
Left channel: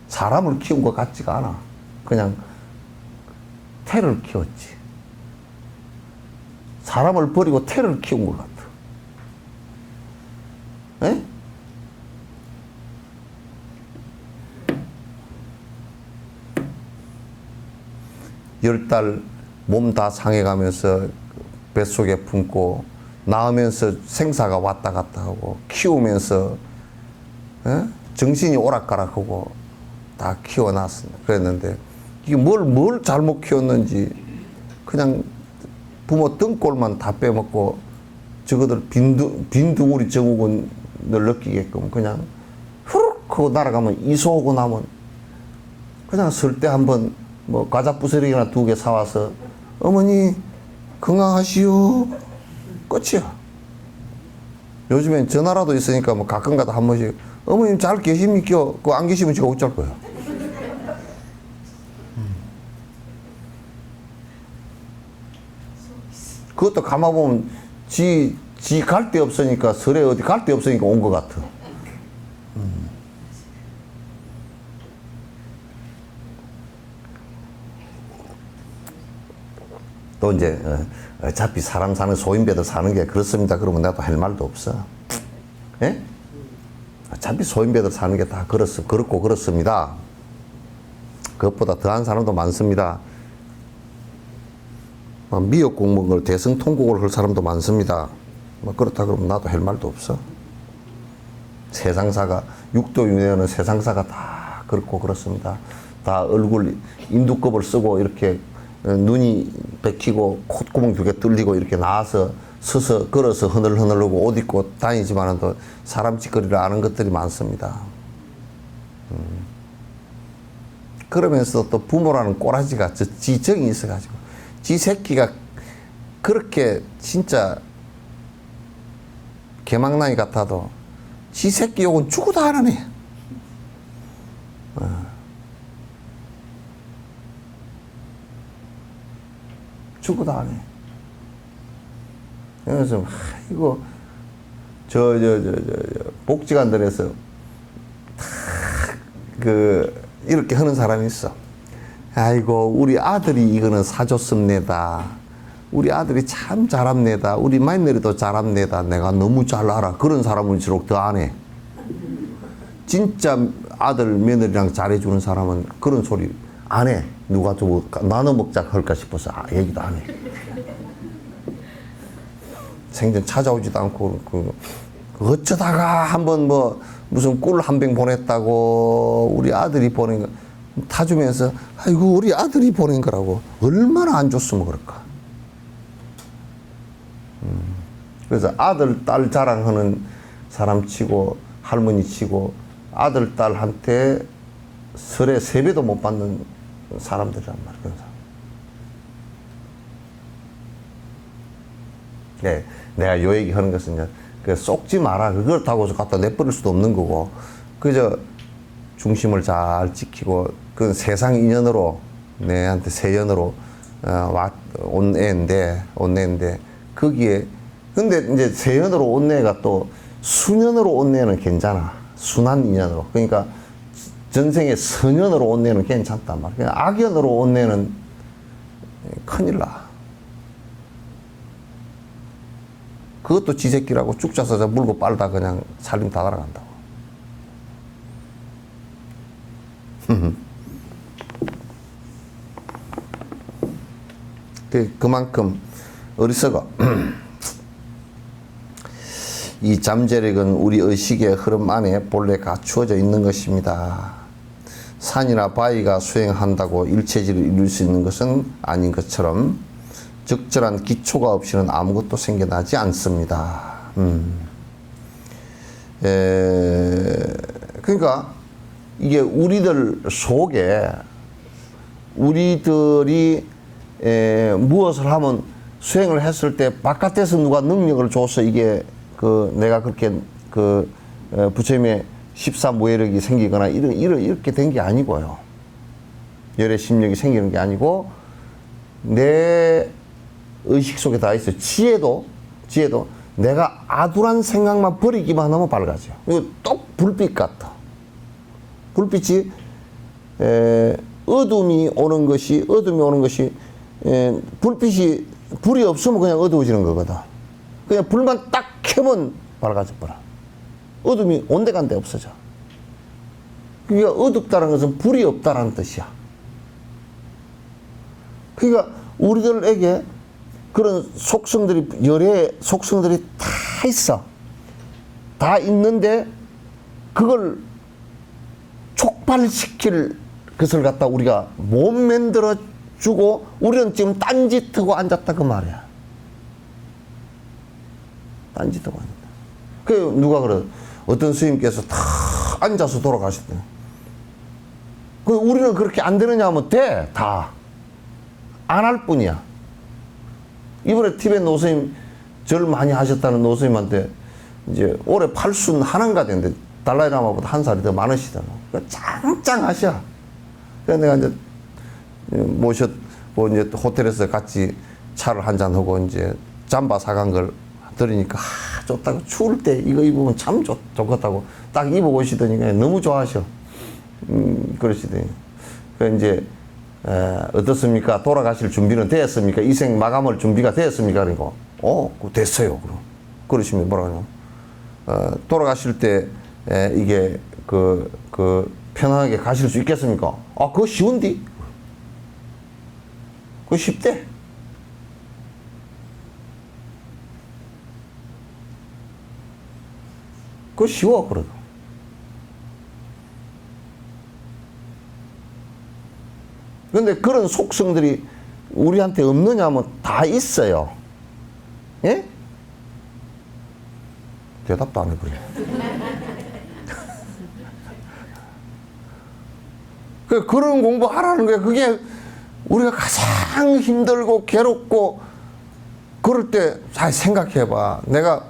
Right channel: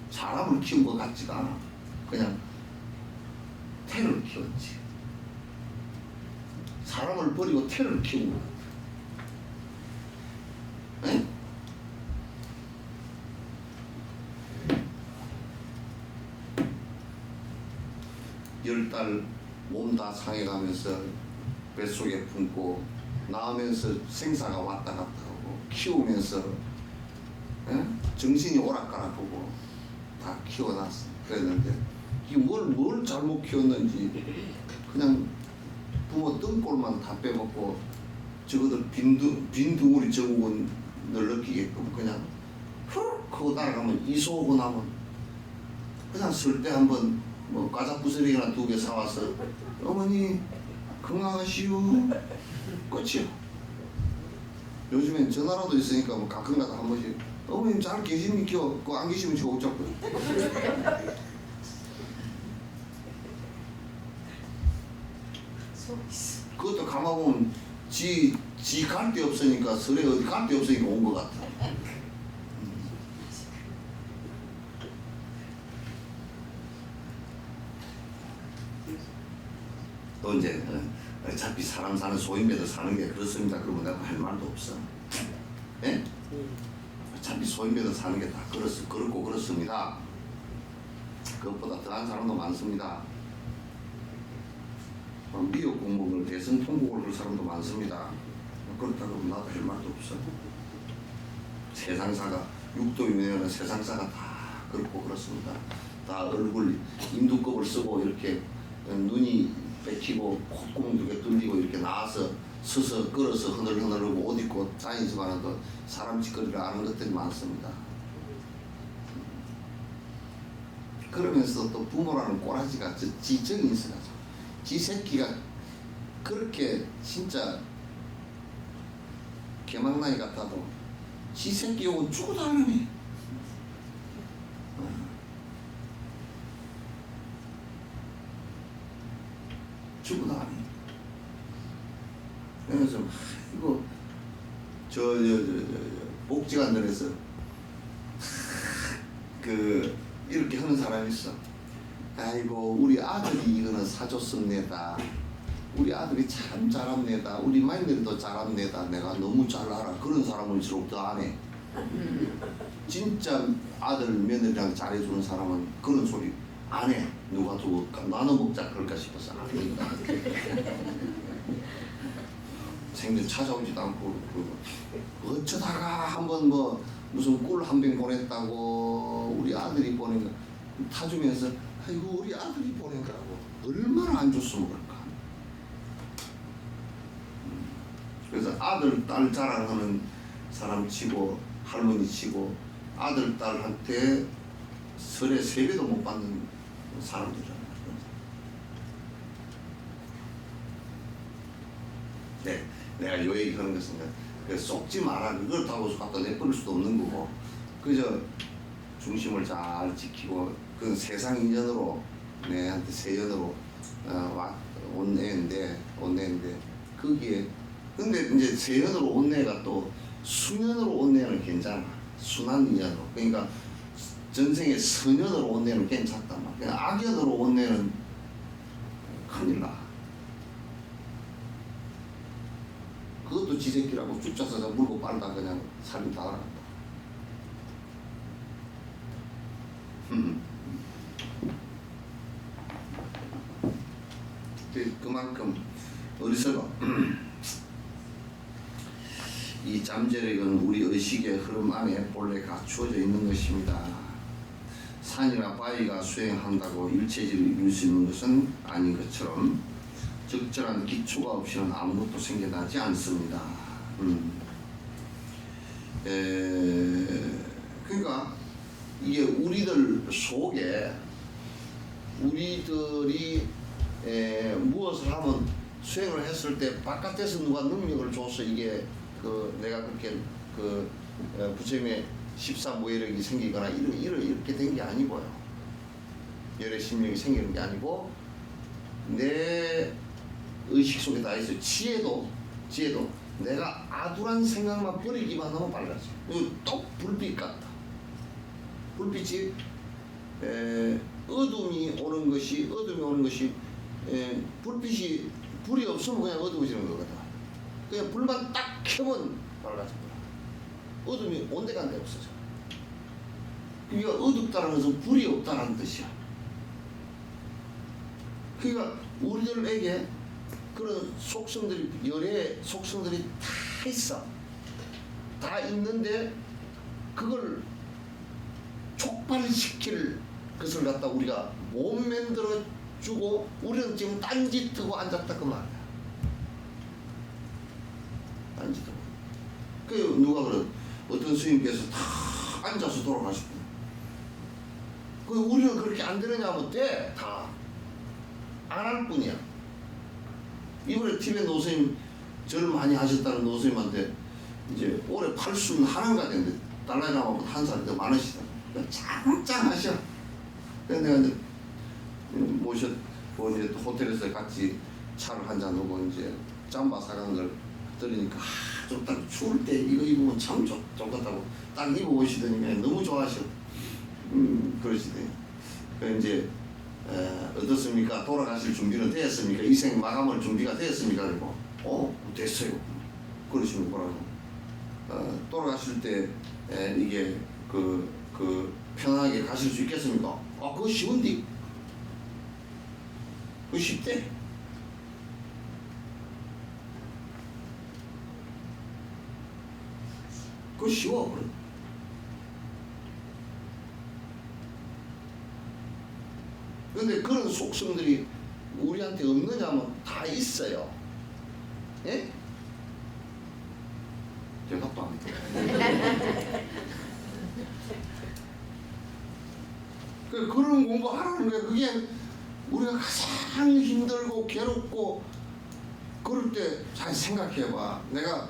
사람을 키운 것 같지가 않아. 그냥 태를 키웠지. 사람을 버리고 태를 키운 것 같아. 에? 열 달 몸 다 상해가면서 뱃속에 품고 낳으면서 생사가 왔다 갔다 하고 키우면서 정신이 오락가락하고 다 키워놨어. 그랬는데 이게 뭘 잘못 키웠는지 그냥 부모 등골만 다 빼먹고 저거들 빈둥우리 증후군을 느끼게끔 그냥 후룩 하고 날아가면 이소하고 나면 그냥 쓸 때 한번 뭐 과자 부스러기나 2개 사와서 어머니 건강하시오 끝이야. 요즘엔 전화라도 있으니까 뭐 가끔가다 한 번씩 어머님 잘 계십니까? 그거 안 계시면 제가 어쩔 거예요. 그것도 가만보면 지 갈 데 없으니까 설에 어디 갈 데 없으니까 온 것 같아. 또 이제 어차피 사람 사는 소인배들 사는 게 그렇습니다. 그러면 나도 할 말도 없어. 예? 어차피 소인배들 사는 게 다 그렇고 그렇습니다. 그것보다 더한 사람도 많습니다. 미역국 먹을 대성통곡을 할 사람도 많습니다. 그렇다 그러면 나도 할 말도 없어. 세상사가 육도 윤회는 세상사가 다 그렇고 그렇습니다. 다 얼굴 인두껍을 쓰고 이렇게 눈이 bek히고 콧구멍 두 개 뚫리고 이렇게 나와서 서서 걸어서 흐늘흐늘하고 옷 입고 다니지만은 또 사람 짓거리를 아는 것들이 많습니다. 그러면서 또 부모라는 꼬라지가 지정이 있어가지고 지 새끼가 그렇게 진짜 개망나이 같아도 지 새끼 욕은 죽어도 안 하네. 죽어도 안 해. 그래서 이거 복지관들에서 이렇게 하는 사람이 있어. 아이고 우리 아들이 이거는 사줬습니다. 우리 아들이 참 잘합니다. 우리 마누리도 잘합니다. 내가 너무 잘 알아. 그런 사람일수록 더 안 해. 진짜 아들 며느리랑 잘해주는 사람은 그런 소리 안 해. 누가 또 나눠 먹자 할까 싶어서 얘기도 안 해. 생전 찾아오지도 않고 어쩌다가 한번 뭐 무슨 꿀 한 병 보냈다고 우리 아들이 보낸 거 타주면서 아이고 우리 아들이 보낸 거라고 얼마나 안 줬으면 그럴까. 그래서 아들 딸 자랑하는 사람 치고 할머니 치고 아들 딸한테 설에 세배도 못 받는 사람들이란 말이야. 네, 내가 요 얘기 하는 것은 이제 쏙지 마라. 그렇다고 갖다 내버릴 수도 없는 거고, 그저 중심을 잘 지키고, 그 세상 인연으로, 내한테 세연으로, 온 애인데, 거기에, 근데 이제 세연으로 온 애가 또 수년으로 온 애는 괜찮아. 순한 인연으로. 그러니까 전생에 선연으로 온 애는 괜찮단 말이야. 그냥 악연으로 온 애는 큰일 나. 그것도 지새끼라고 쭉 짜서 물고 빨다 그냥 살림 다 날아간다고. 그만큼 어리석어. 이 잠재력은 우리 의식의 흐름 안에 본래 갖추어져 있는 것입니다. 산이나 바위가 수행한다고 일체질을 이룰 수 있는 것은 아닌 것처럼 적절한 기초가 없이는 아무것도 생겨나지 않습니다. 그러니까 이게 우리들 속에 우리들이 무엇을 하면 수행을 했을 때 바깥에서 누가 능력을 줘서 이게 내가 그렇게 부처님의 14무예력이 생기거나 이렇게 된 게 아니고요. 열의 심력이 생기는 게 아니고 내 의식 속에 다 있어요. 지혜도 내가 아두란 생각만 버리기만 하면 밝아져요. 이거 똑 불빛 같아. 불빛이 어둠이 오는 것이 불이 없으면 그냥 어두워지는 거거든. 그냥 불만 딱 켜면 밝아져 버려. 어둠이 온데간데 없어져. 그러니까 어둡다는 것은 불이 없다라는 뜻이야. 그러니까 우리들에게 그런 속성들이, 열의 속성들이 다 있어. 다 있는데 그걸 촉발시킬 것을 갖다 우리가 못 만들어 주고 우리는 지금 딴짓하고 앉았다 그 말이야. 딴짓하고 앉았다. 그 누가 그래? 어떤 스님께서 다 앉아서 돌아가셨대. 그 우리는 그렇게 안 되느냐 하면 돼. 다. 안 할 뿐이야. 이번에 티벳 노스님 절 많이 하셨다는 노스님한테 이제 올해 81가 됐는데 달라이라마보다 한 살이 더 많으시잖아. 짱짱하셔. 그래서 내가 이제 모셨고 이제 호텔에서 같이 차를 한잔 하고 이제 잠바 사간 걸 드리니까 좋다고 추울 때 이거 입으면 참 좋겠다고 딱 입어보시더니 그냥 너무 좋아하셔. 그러시더니 그 이제 어떻습니까? 돌아가실 준비는 되었습니까? 이생 마감할 준비가 되었습니까? 그리고 됐어요. 그러시면 뭐라 하냐? 돌아가실 때 이게 그 편안하게 가실 수 있겠습니까? 그거 쉬운디? 그거 쉽대. 그거 쉬워, 그래도. 근데 그런 속성들이 우리한테 없느냐 하면 다 있어요. 예? 대답도 안 해버려. 그런 공부 하라는 거야. 그게 우리가 가장 힘들고 괴롭고 그럴 때 잘 생각해봐. 내가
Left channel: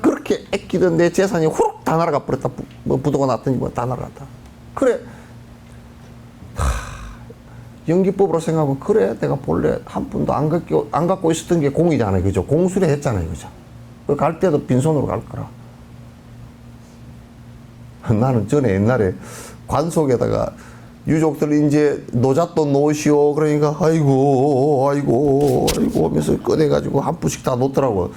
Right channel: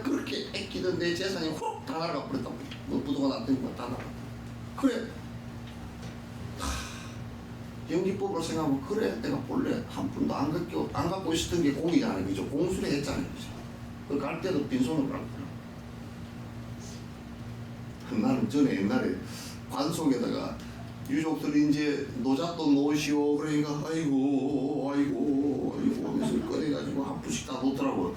그렇게 아끼던 내 재산이 후룩 다 날아가 버렸다. 뭐 부도가 났더니 뭐 다 날아갔다. 그래. 연기법으로 생각하면 그래 내가 본래 한 푼도 안 갖고 있었던 게 공이잖아요. 그죠? 공수리 했잖아요. 그죠? 갈 때도 빈손으로 갈 거라. 나는 전에 옛날에 관속에다가 유족들 이제 노잣돈 놓으시오. 그러니까 아이고 하면서 꺼내가지고 한 푼씩 다 놓더라고.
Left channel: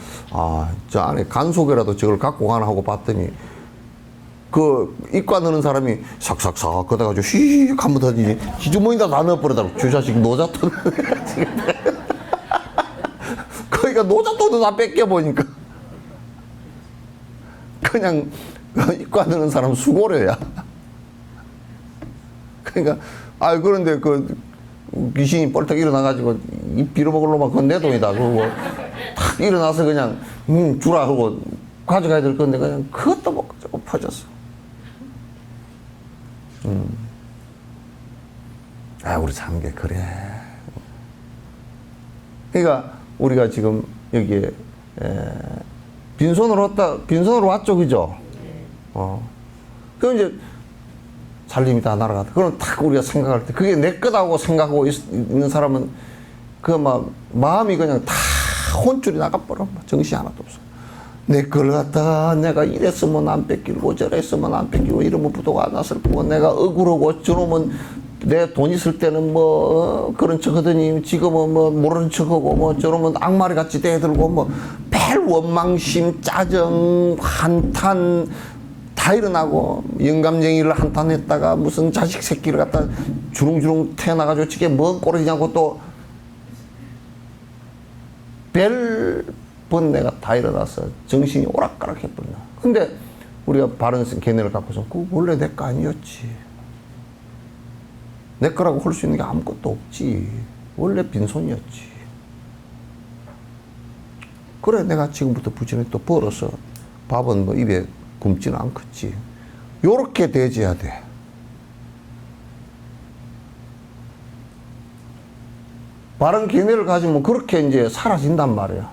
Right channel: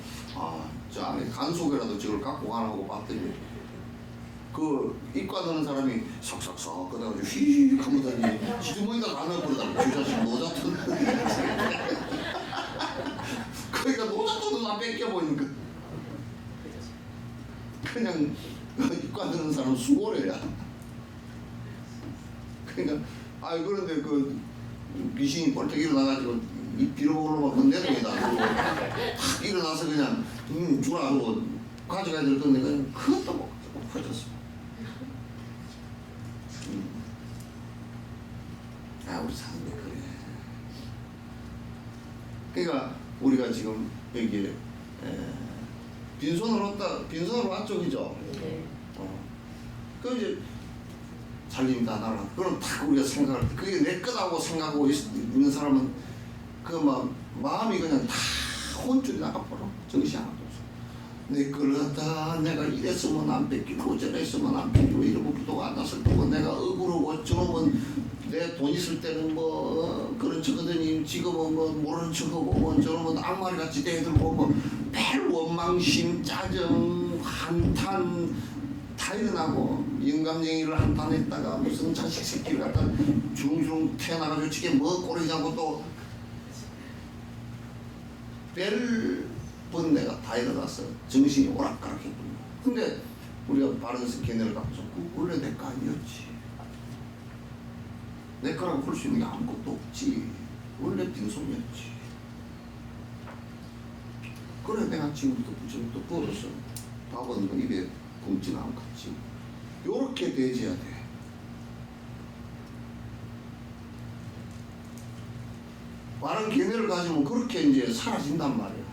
저 안에 간속에라도 저걸 갖고 가나 하고 봤더니 그 입과 넣는 사람이 삭삭삭 걷어가지고 휘익 한번 던지니 기주머니다 다 넣어버리다고. 주자식 노잣돈 그러니까 노잣돈도 다 뺏겨보니까 그냥 입과 넣는 사람 수고려야. 그러니까 그런데 그 귀신이 뻘떡 일어나가지고 입 빌어먹을 놈은 그건 내 돈이다 그러고 탁 일어나서 그냥 주라 하고 가져가야 될 건데 그냥 그것도 못 가지고 퍼졌어. 우리 참 게 그래. 그러니까 우리가 지금 여기에 빈손으로 왔죠, 그죠? 그럼 이제 살림이 다 날아갔다. 그럼 딱 우리가 생각할 때 그게 내 거다고 생각하고 있는 사람은 그 막 마음이 그냥 다 혼줄이 나가버려. 정신이 하나도 없어. 내 걸 갖다가 내가 이랬으면 안 뺏기고 저랬으면 안 뺏기고 이러면 부도가 안 났을 거고 내가 억울하고 저놈은 내 돈 있을 때는 뭐 그런 척 하더니 지금은 뭐 모르는 척 하고 뭐 저놈은 악마리 같이 대들고 뭐 별 원망심 짜증 한탄 다 일어나고 영감쟁이를 한탄했다가 무슨 자식 새끼를 갖다 주릉주릉 태어나가지고 저게 뭐 꼴이냐고 또 별번 내가 다 일어나서 정신이 오락가락 해버린다. 근데 우리가 바른 견해를 갖고서 그 원래 내 거 아니었지. 내 거라고 할 수 있는 게 아무것도 없지. 원래 빈손이었지. 그래 내가 지금부터 부지런히 또 벌어서 밥은 뭐 입에 굶지는 않겠지. 요렇게 대해야 돼. 바른 견해를 가지면 그렇게 이제 사라진단 말이야.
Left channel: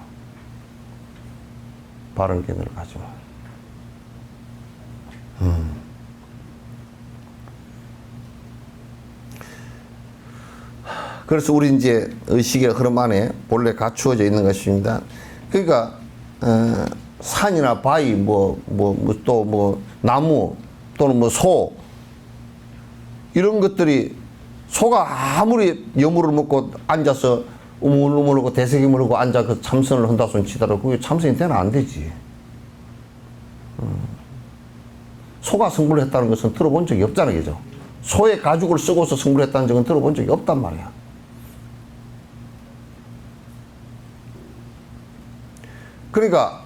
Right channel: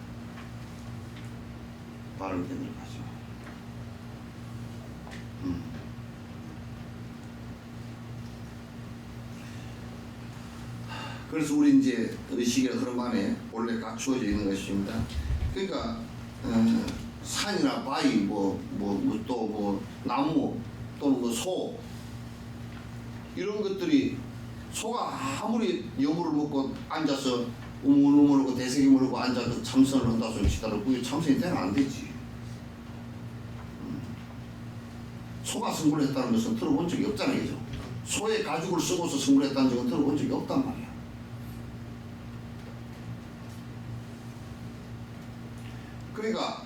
바른 견해를 가지면. 그래서 우리 이제 의식의 흐름 안에 본래 갖추어져 있는 것입니다. 그러니까 산이나 바위, 또 뭐 나무 또는 뭐 소 이런 것들이 소가 아무리 여물을 먹고 앉아서 우물우물하고 대세기 물고 앉아 그 참선을 한다 손 치더라도 그게 참선이 되나 안 되지. 소가 승부를 했다는 것은 들어본 적이 없잖아요, 그죠? 소의 가죽을 쓰고서 승부를 했다는 적은 들어본 적이 없단 말이야. 그러니까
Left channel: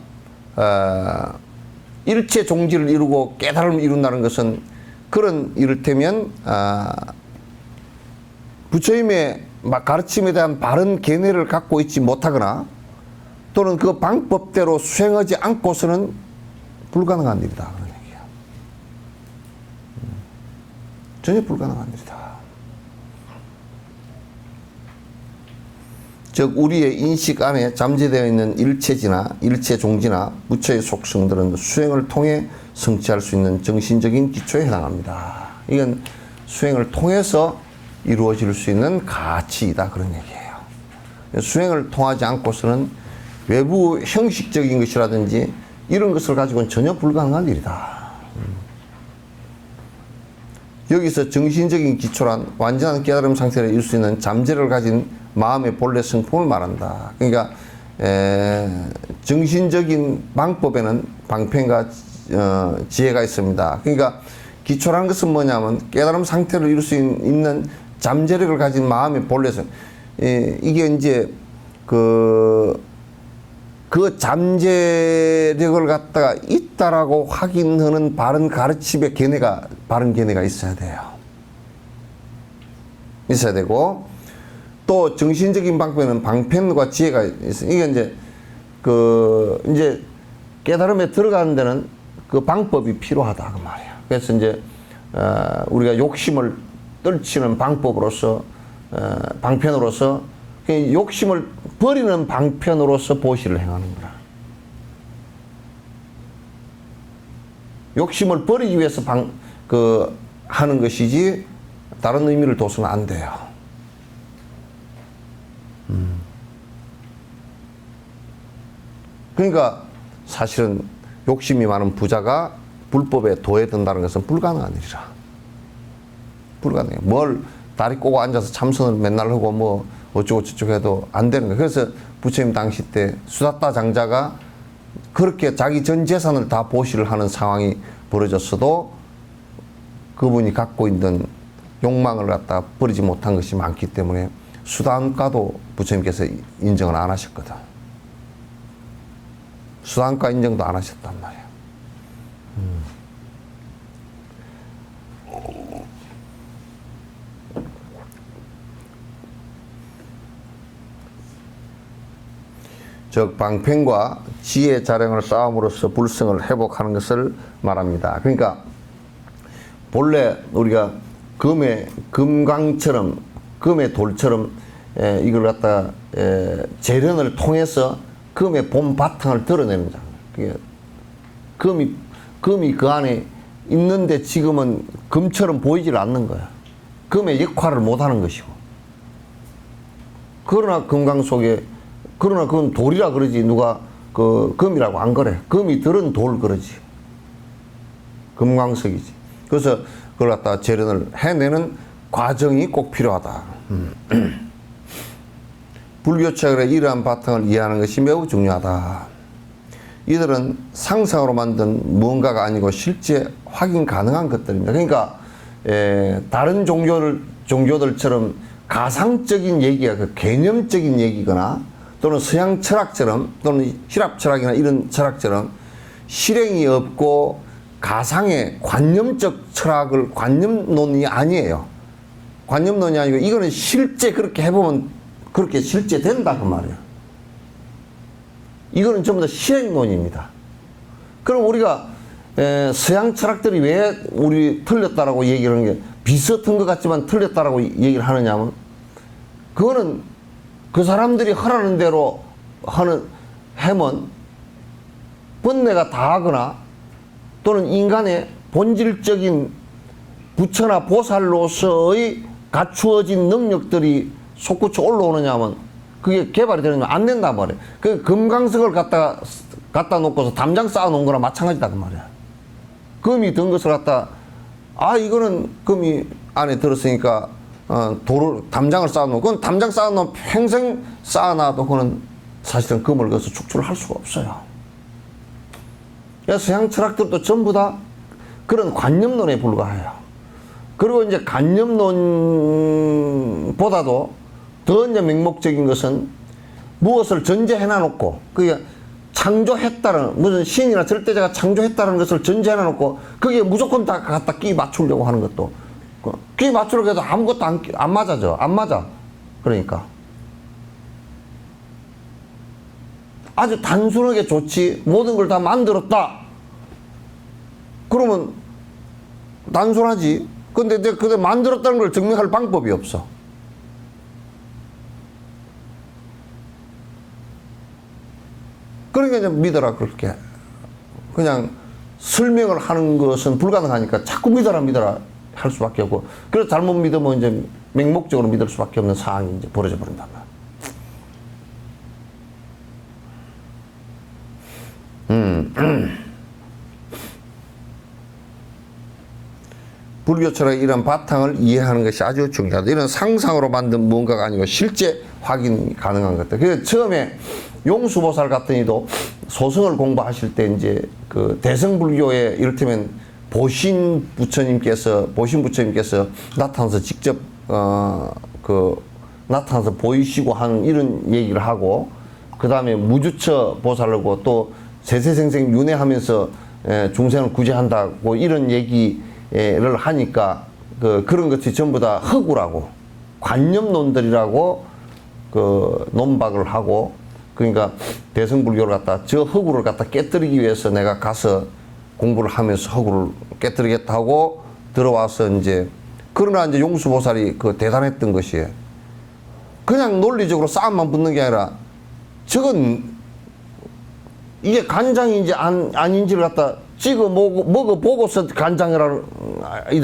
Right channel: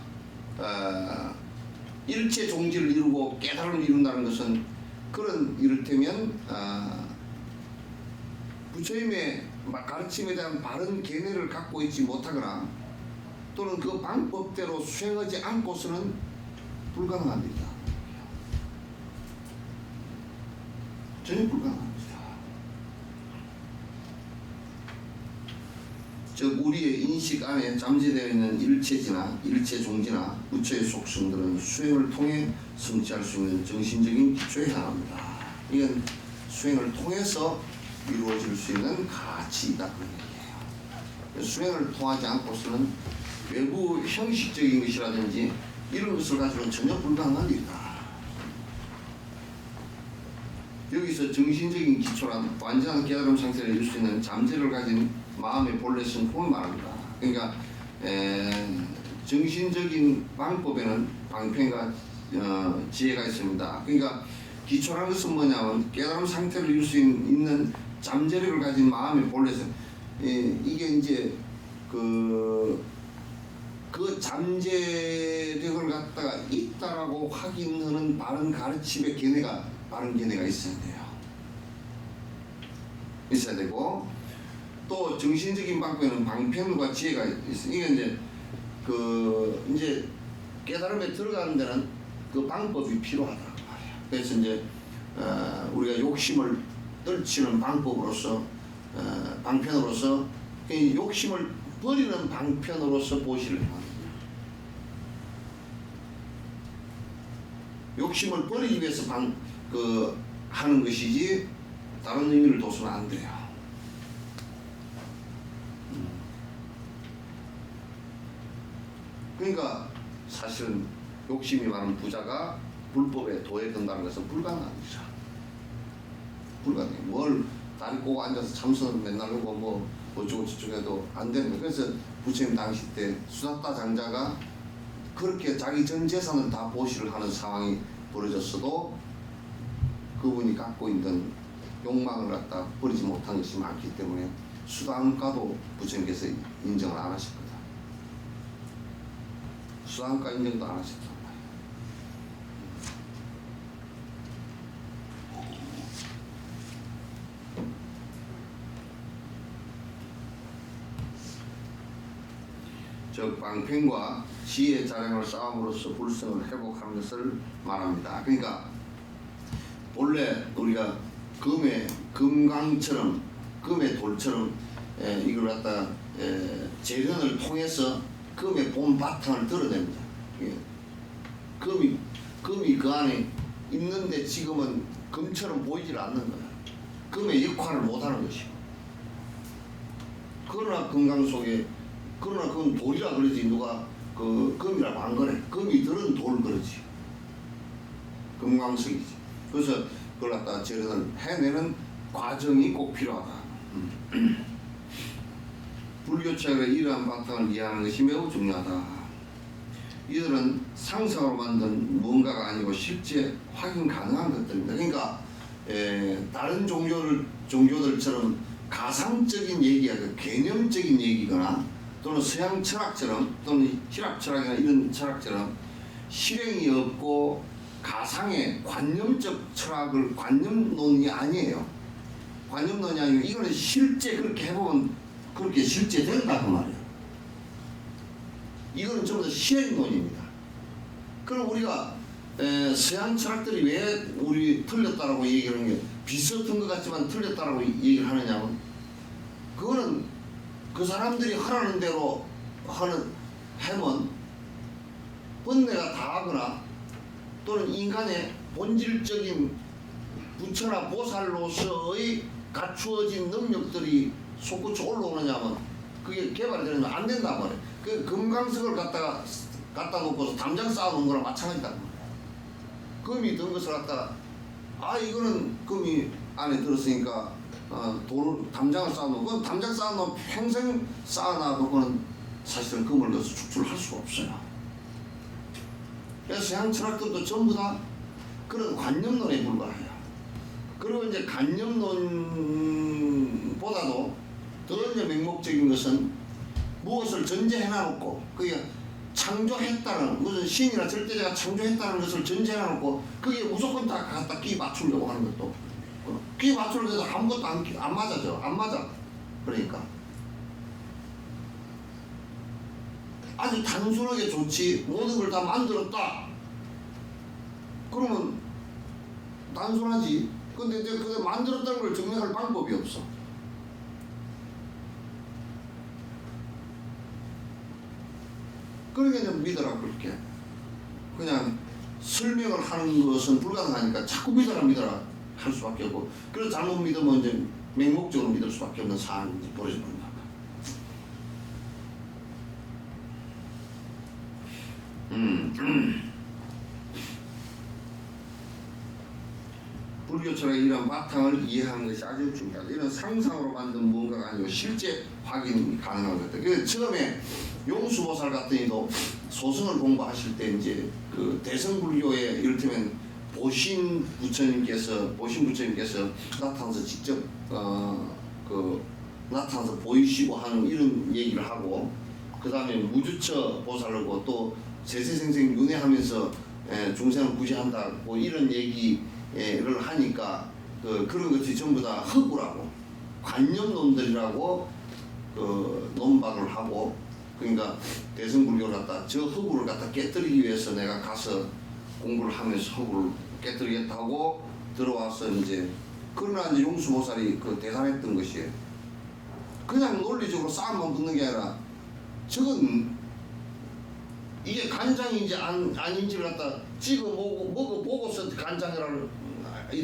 일체 종지를 이루고 깨달음을 이룬다는 것은 그런 이를테면 부처님의 가르침에 대한 바른 견해를 갖고 있지 못하거나 또는 그 방법대로 수행하지 않고서는 불가능한 일이다. 그런 얘기야. 전혀 불가능한 일이다. 즉 우리의 인식 안에 잠재되어 있는 일체지나 일체종지나 무처의 속성들은 수행을 통해 성취할 수 있는 정신적인 기초에 해당합니다. 이건 수행을 통해서 이루어질 수 있는 가치이다, 그런 얘기예요. 수행을 통하지 않고서는 외부 형식적인 것이라든지 이런 것을 가지고는 전혀 불가능한 일이다. 여기서 정신적인 기초란 완전한 깨달음 상태를 이룰 수 있는 잠재를 가진 마음의 본래 성품을 말한다. 그러니까 정신적인 방법에는 방편과 지혜가 있습니다. 그러니까 기초라는 것은 뭐냐면 깨달음 상태를 이룰 수 있는 잠재력을 가진 마음의 본래 성. 이게 이제 그 잠재력을 갖다가 있다라고 확인하는 바른 가르침의 바른 견해가 있어야 돼요. 있어야 되고, 또 정신적인 방법에는 방편과 지혜가 있어요. 이게 이제 깨달음에 들어가는 데는 그 방법이 필요하다, 그 말이에요. 그래서 이제 우리가 욕심을 떨치는 방법으로서 방편으로서 욕심을 버리는 방편으로서 보시를 행하는 거라. 욕심을 버리기 위해서 하는 것이지 다른 의미를 둬서는 안 돼요. 그러니까 사실은 욕심이 많은 부자가 불법에 도해든다는 것은 불가능한 일이라. 불가능해. 뭘 다리 꼬고 앉아서 참선을 맨날 하고 뭐 어쩌고 저쩌고 해도 안 되는 거예요. 그래서 부처님 당시 때 수다타 장자가 그렇게 자기 전 재산을 다 보시를 하는 상황이 벌어졌어도 그분이 갖고 있는 욕망을 갖다 버리지 못한 것이 많기 때문에 수단가도 부처님께서 인정을 안 하셨거든. 수단가 인정도 안 하셨단 말이야. 즉 방편과 지혜 자량을 쌓음으로써 불성을 회복하는 것을 말합니다. 그러니까 본래 우리가 금강처럼 금의 돌처럼 이걸 갖다가 재련을 통해서 금의 본 바탕을 드러냅니다. 금이 그 안에 있는데 지금은 금처럼 보이질 않는 거야. 금의 역할을 못하는 것이고. 그러나 금강 속에 그러나 그건 돌이라 그러지 누가 그 금이라고 안 그래. 금이 들은 돌 그러지. 금광석이지. 그래서 그걸 갖다가 재련을 해내는 과정이 꼭 필요하다. 불교 체결의 이러한 바탕을 이해하는 것이 매우 중요하다. 이들은 상상으로 만든 무언가가 아니고 실제 확인 가능한 것들입니다. 그러니까 다른 종교들처럼 가상적인 얘기가 그 개념적인 얘기거나 또는 서양 철학처럼 또는 힐랍 철학이나 이런 철학처럼 실행이 없고 가상의 관념적 철학을 관념론이 아니에요. 관념론이 아니고 이거는 실제 그렇게 해보면 그렇게 실제 된다 그 말이에요. 이거는 전부 다 실행론입니다. 그럼 우리가 서양 철학들이 왜 우리 틀렸다라고 얘기를 하는 게 비슷한 것 같지만 틀렸다라고 얘기를 하느냐면 그거는 그 사람들이 하라는 대로 하면 번뇌가 다하거나 또는 인간의 본질적인 부처나 보살로서의 갖추어진 능력들이 솟구쳐 올라오느냐 하면 그게 개발이 되느냐 안 된단 말이에요. 그 금강석을 갖다 놓고서 담장 쌓아 놓은 거랑 마찬가지다 그 말이야. 금이 든 것을 이거는 금이 안에 들었으니까 담장을 쌓아놓고, 그건 담장 쌓아놓으면 평생 쌓아놔도 그거는 사실은 금을 거기서 축출을 할 수가 없어요. 그래서 서양 철학들도 전부 다 그런 관념론에 불과해요. 그리고 이제 관념론보다도 더 이제 맹목적인 것은 무엇을 전제해놔놓고, 그게 창조했다는, 무슨 신이나 절대자가 창조했다는 것을 전제해놔놓고, 그게 무조건 다 갖다 끼 맞추려고 하는 것도, 끼 맞추려고 해도 아무것도 안 맞아져. 안 맞아. 그러니까. 아주 단순하게 좋지. 모든 걸 다 만들었다. 그러면 단순하지. 근데 그걸 만들었다는 걸 증명할 방법이 없어. 그러니까 이제 믿어라 그렇게. 그냥 설명을 하는 것은 불가능하니까 자꾸 믿어라 할 수밖에 없고, 그래서 잘못 믿으면 이제 맹목적으로 믿을 수밖에 없는 상황이 이제 벌어져 버린단 말이야. 불교 철학의 이런 바탕을 이해하는 것이 아주 중요하다. 이런 상상으로 만든 무언가가 아니고 실제 확인이 가능한 것들. 그래서 처음에 용수보살 같은 이도 소승을 공부하실 때 이제 그 대승불교의 이를테면 보신 부처님께서 나타나서 직접 나타나서 보이시고 하는 이런 얘기를 하고, 그 다음에 무주처 보살하고 또 세세생생 윤회하면서 중생을 구제한다고 이런 얘기를 하니까 그런 것이 전부 다 허구라고, 관념론들이라고 논박을 하고, 그러니까 대승불교를 갖다 저 허구를 갖다 깨뜨리기 위해서 내가 가서 공부를 하면서 허구를 깨뜨리겠다 하고 들어와서 이제, 그러나 이제 용수보살이 대단했던 것이에요. 그냥 논리적으로 싸움만 붙는 게 아니라 저건 이게 간장인지 아닌지를 갖다 찍어 먹어보고서 간장이라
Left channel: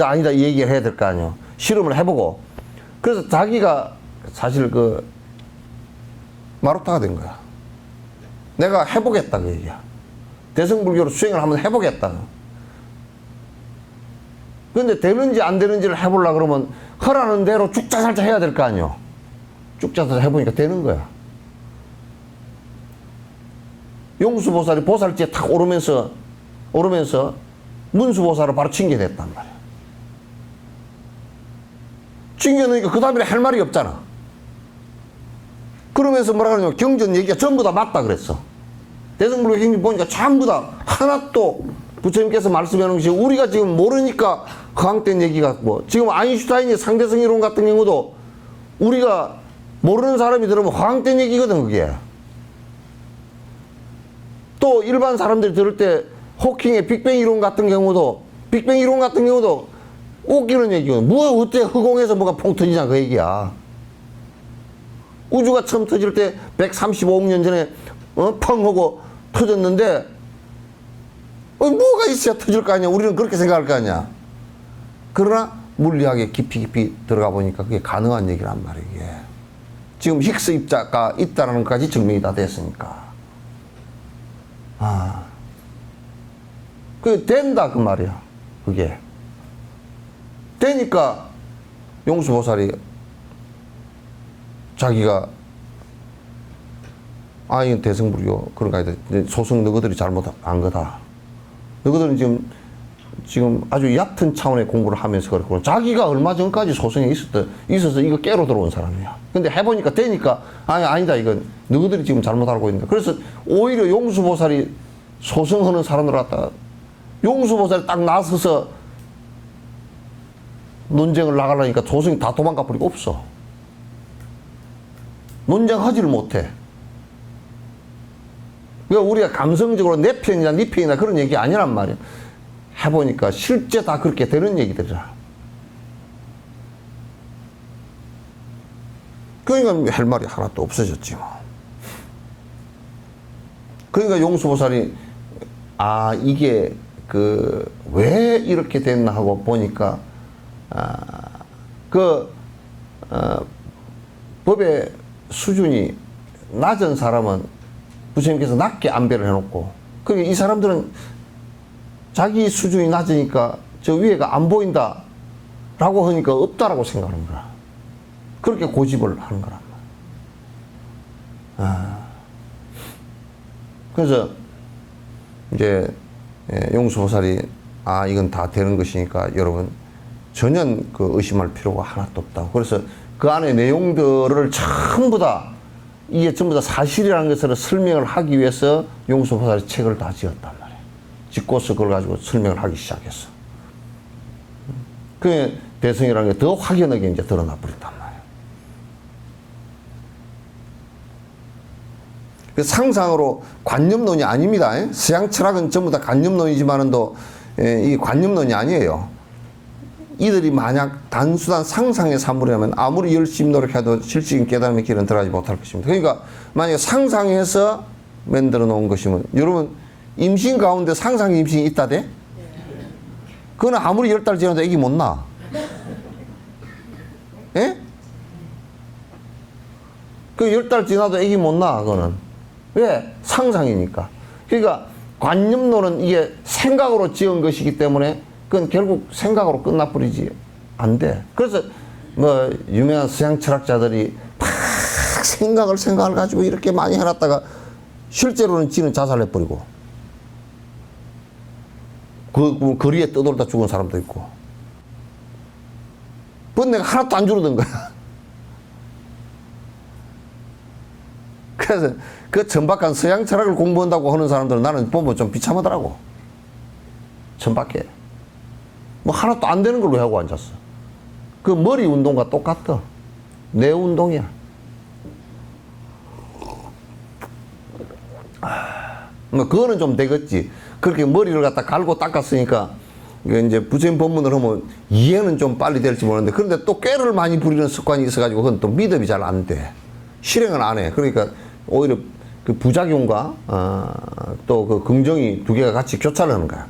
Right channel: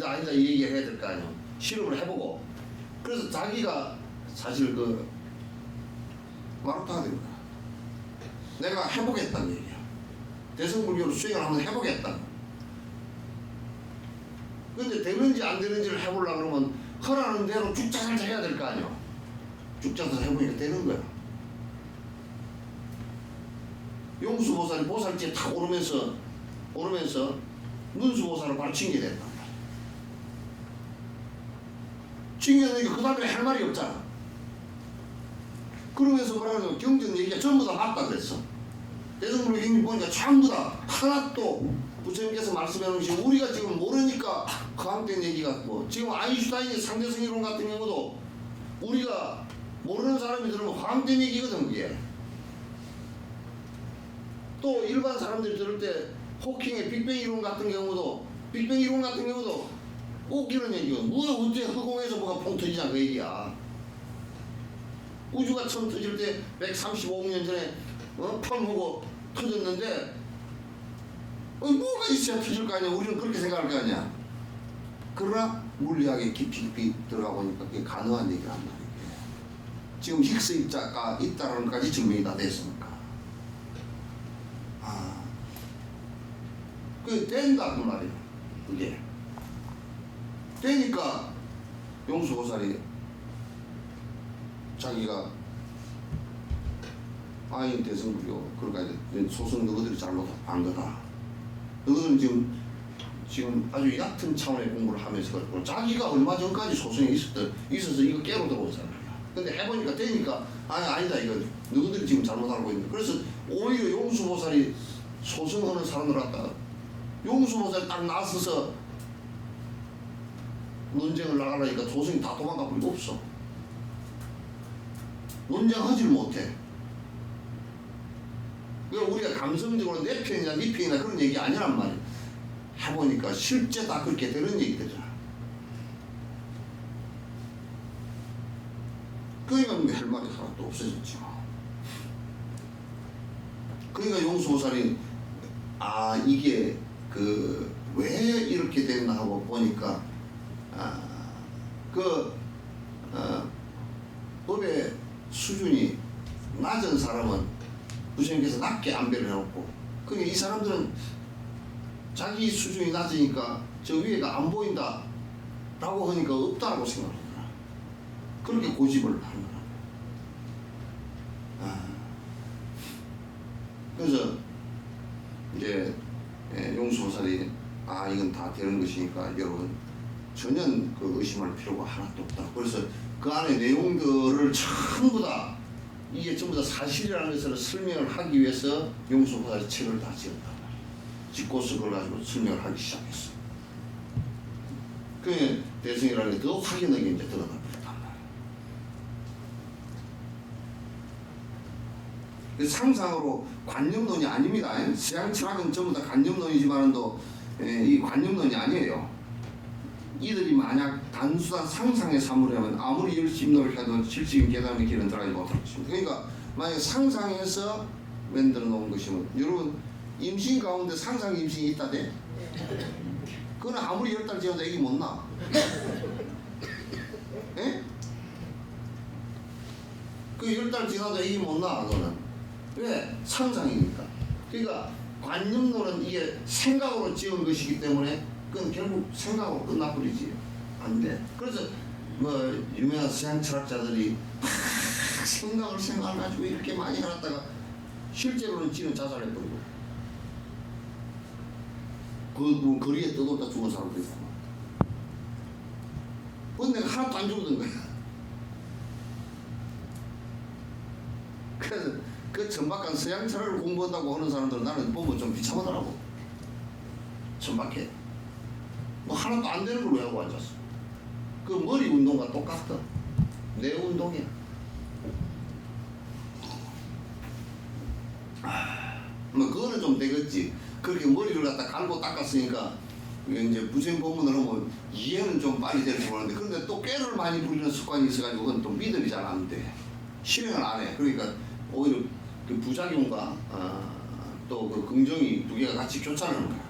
아니다 얘기를 해야 될 거 아니에요. 실험을 해보고. 그래서 자기가 사실 마루타가 된 거야. 내가 해보겠다 그 얘기야. 대승불교로 수행을 한번 해보겠다. 근데 되는지 안 되는지를 해보려고 그러면 허라는 대로 쭉자살자 해야 될 거 아니에요. 쭉자살자 해보니까 되는 거야. 용수보살이 보살지에 탁 오르면서 문수보살을 바로 징계됐단 말이야. 징계되니까 그 다음에 할 말이 없잖아. 그러면서 뭐라 그러냐면 경전 얘기가 전부 다 맞다 그랬어. 대승불교 행위 보니까 전부 다 하나도 부처님께서 말씀해 놓은 것이 우리가 지금 모르니까 허황된 얘기가 뭐, 지금 아인슈타인의 상대성 이론 같은 경우도 우리가 모르는 사람이 들으면 허황된 얘기거든 그게. 또 일반 사람들이 들을 때 호킹의 빅뱅 이론 같은 경우도 웃기는 얘기거든. 뭐가 어때 허공에서 뭐가 퐁 터지냐 그 얘기야. 우주가 처음 터질 때 135억 년 전에 펑 하고 터졌는데 뭐가 있어야 터질 거 아니야. 우리는 그렇게 생각할 거 아니야. 그러나 물리학에 깊이 들어가 보니까 그게 가능한 얘기란 말이야. 이게. 지금 힉스 입자가 있다는 것까지 증명이 다 됐으니까. 그게 된다 그 말이야. 그게 되니까 용수보살이 자기가 이건 대승불교 그런 거 아니다. 소승 너희들이 잘못한 거다. 너희들은 지금 아주 얕은 차원의 공부를 하면서 그렇고, 자기가 얼마 전까지 소승에 있어서 이거 깨로 들어온 사람이야. 근데 해보니까 되니까 아니다 이건 너희들이 지금 잘못 알고 있는다. 그래서 오히려 용수보살이 소승하는 사람들 갖다 용수보살이 딱 나서서 논쟁을 나가려니까 소승이 다 도망가 버리고 없어. 논쟁하지를 못해. 그러니까 우리가 감성적으로 내 편이나 네 편이나 그런 얘기 아니란 말이야. 해보니까 실제 다 그렇게 되는 얘기들이라. 그러니까 할 말이 하나도 없어졌지 뭐. 그러니까 용수보살이 이게 왜 이렇게 됐나 하고 보니까 법의 수준이 낮은 사람은 부처님께서 낮게 안배를 해놓고, 그러니까 이 사람들은 자기 수준이 낮으니까 저 위에가 안 보인다 라고 하니까 없다라고 생각하는 거야. 그렇게 고집을 하는 거란 말이야. 그래서 이제 용수보살이 이건 다 되는 것이니까 여러분 전혀 의심할 필요가 하나도 없다고. 그래서 그 안에 내용들을 전부 다 이게 전부 다 사실이라는 것을 설명을 하기 위해서 용수보살이 책을 다 지었단 말이에요. 짓고서 그걸 가지고 설명을 하기 시작했어. 그 대승이라는 게 더 확연하게 이제 드러나 버렸단 말이에요. 그 상상으로 관념론이 아닙니다. 서양 철학은 전부 다 관념론이지만은도 이 관념론이 아니에요. 이들이 만약 단순한 상상의 산물이라면 아무리 열심히 노력해도 실질적인 깨달음의 길은 들어가지 못할 것입니다. 그러니까 만약에 상상해서 만들어 놓은 것이면, 여러분 임신 가운데 상상 임신이 있다대? 그거는 아무리 10달 지나도 애기 못 낳아. 예? 그 10달 지나도 애기 못 낳아, 그거는. 왜? 상상이니까. 그러니까 관념론은 이게 생각으로 지은 것이기 때문에 그건 결국 생각으로 끝나버리지 안 돼. 그래서 뭐 유명한 서양 철학자들이 막 생각을 가지고 이렇게 많이 해놨다가 실제로는 지는 자살해버리고 그 거리에 떠돌다 죽은 사람도 있고. 번뇌가 하나도 안 줄어든 거야. 그래서 그 천박한 서양 철학을 공부한다고 하는 사람들은 나는 보면 좀 비참하더라고. 천박해. 뭐 하나도 안 되는 걸로 하고 앉았어. 그 머리 운동과 똑같아. 뇌 운동이야. 뭐 그거는 좀 되겠지. 그렇게 머리를 갖다 갈고 닦았으니까 이제 부처님 법문을 하면 이해는 좀 빨리 될지 모르는데, 그런데 또 꾀를 많이 부리는 습관이 있어가지고 그건 또 믿음이 잘 안 돼. 실행을 안 해. 그러니까 오히려 그 부작용과 또 그 긍정이 두 개가 같이 교차를 하는 거야.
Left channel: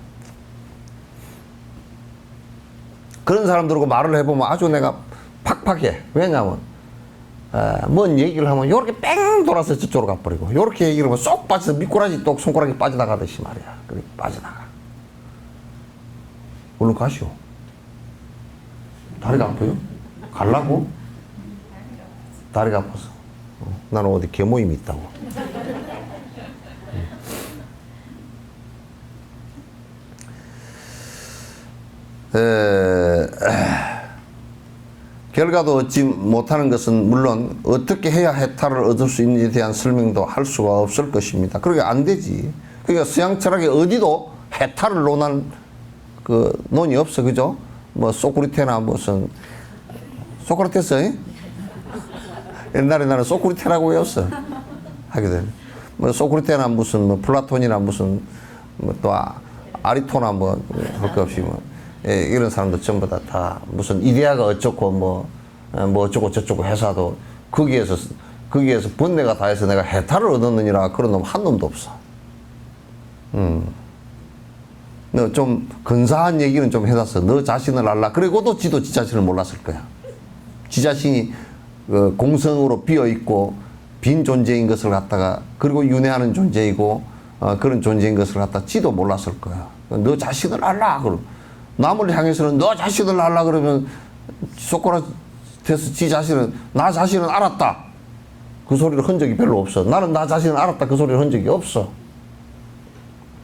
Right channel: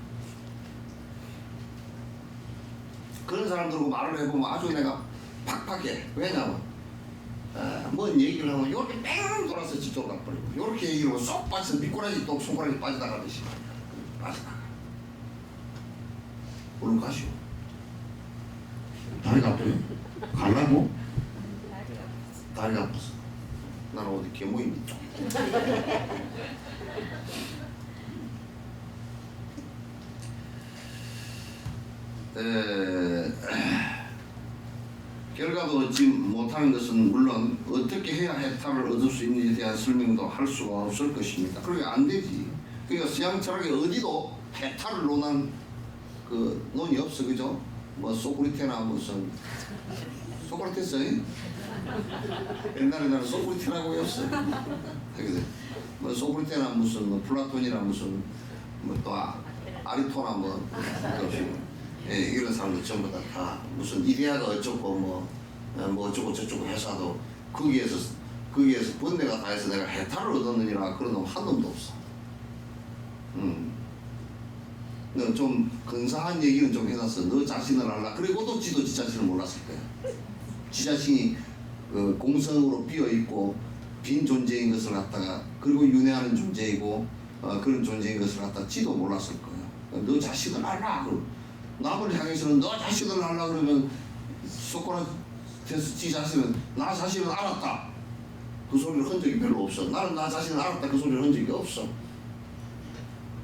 그런 사람들하고 말을 해보면 아주 내가 팍팍해. 왜냐하면 뭔 얘기를 하면 요렇게 뺑 돌아서 저쪽으로 가버리고, 요렇게 얘기를 하면 쏙 빠져서 미꾸라지 똑 손가락이 빠져나가듯이 말이야. 그렇게 빠져나가. 얼른 가시오. 다리가 아파요? 갈라고? 다리가 아파서. 나는 어디 계모임이 있다고. 결과도 얻지 못하는 것은 물론 어떻게 해야 해탈을 얻을 수 있는지에 대한 설명도 할 수가 없을 것입니다. 그러니까 안 되지. 그러니까 서양 철학에 어디도 해탈을 논한 그 논이 없어. 그죠? 뭐 소크리테나 무슨 소크라테스 옛날에 나는 소크리테라고 외웠어. 하게 되면 뭐 소크리테나 무슨 뭐 플라톤이나 무슨 뭐 또 아리토나 뭐 할 것 없이 뭐 이런 사람들 전부 다 무슨 이데아가 어쩌고 뭐 어쩌고 저쩌고 해서도 거기에서 번뇌가 다 해서 내가 해탈을 얻었느니라 그런 놈 한 놈도 없어. 너 좀 근사한 얘기는 좀 해놨어. 너 자신을 알라. 그리고도 지도 지 자신을 몰랐을 거야. 지 자신이 공성으로 비어 있고 빈 존재인 것을 갖다가, 그리고 윤회하는 존재이고 그런 존재인 것을 갖다 지도 몰랐을 거야. 너 자신을 알라. 그럼 남을 향해서는 너 자신을 알라 그러면 소크라테스 지 자신은 나 자신은 알았다. 그 소리를 한 적이 별로 없어. 나는 나 자신을 알았다. 그 소리를 한 적이 없어.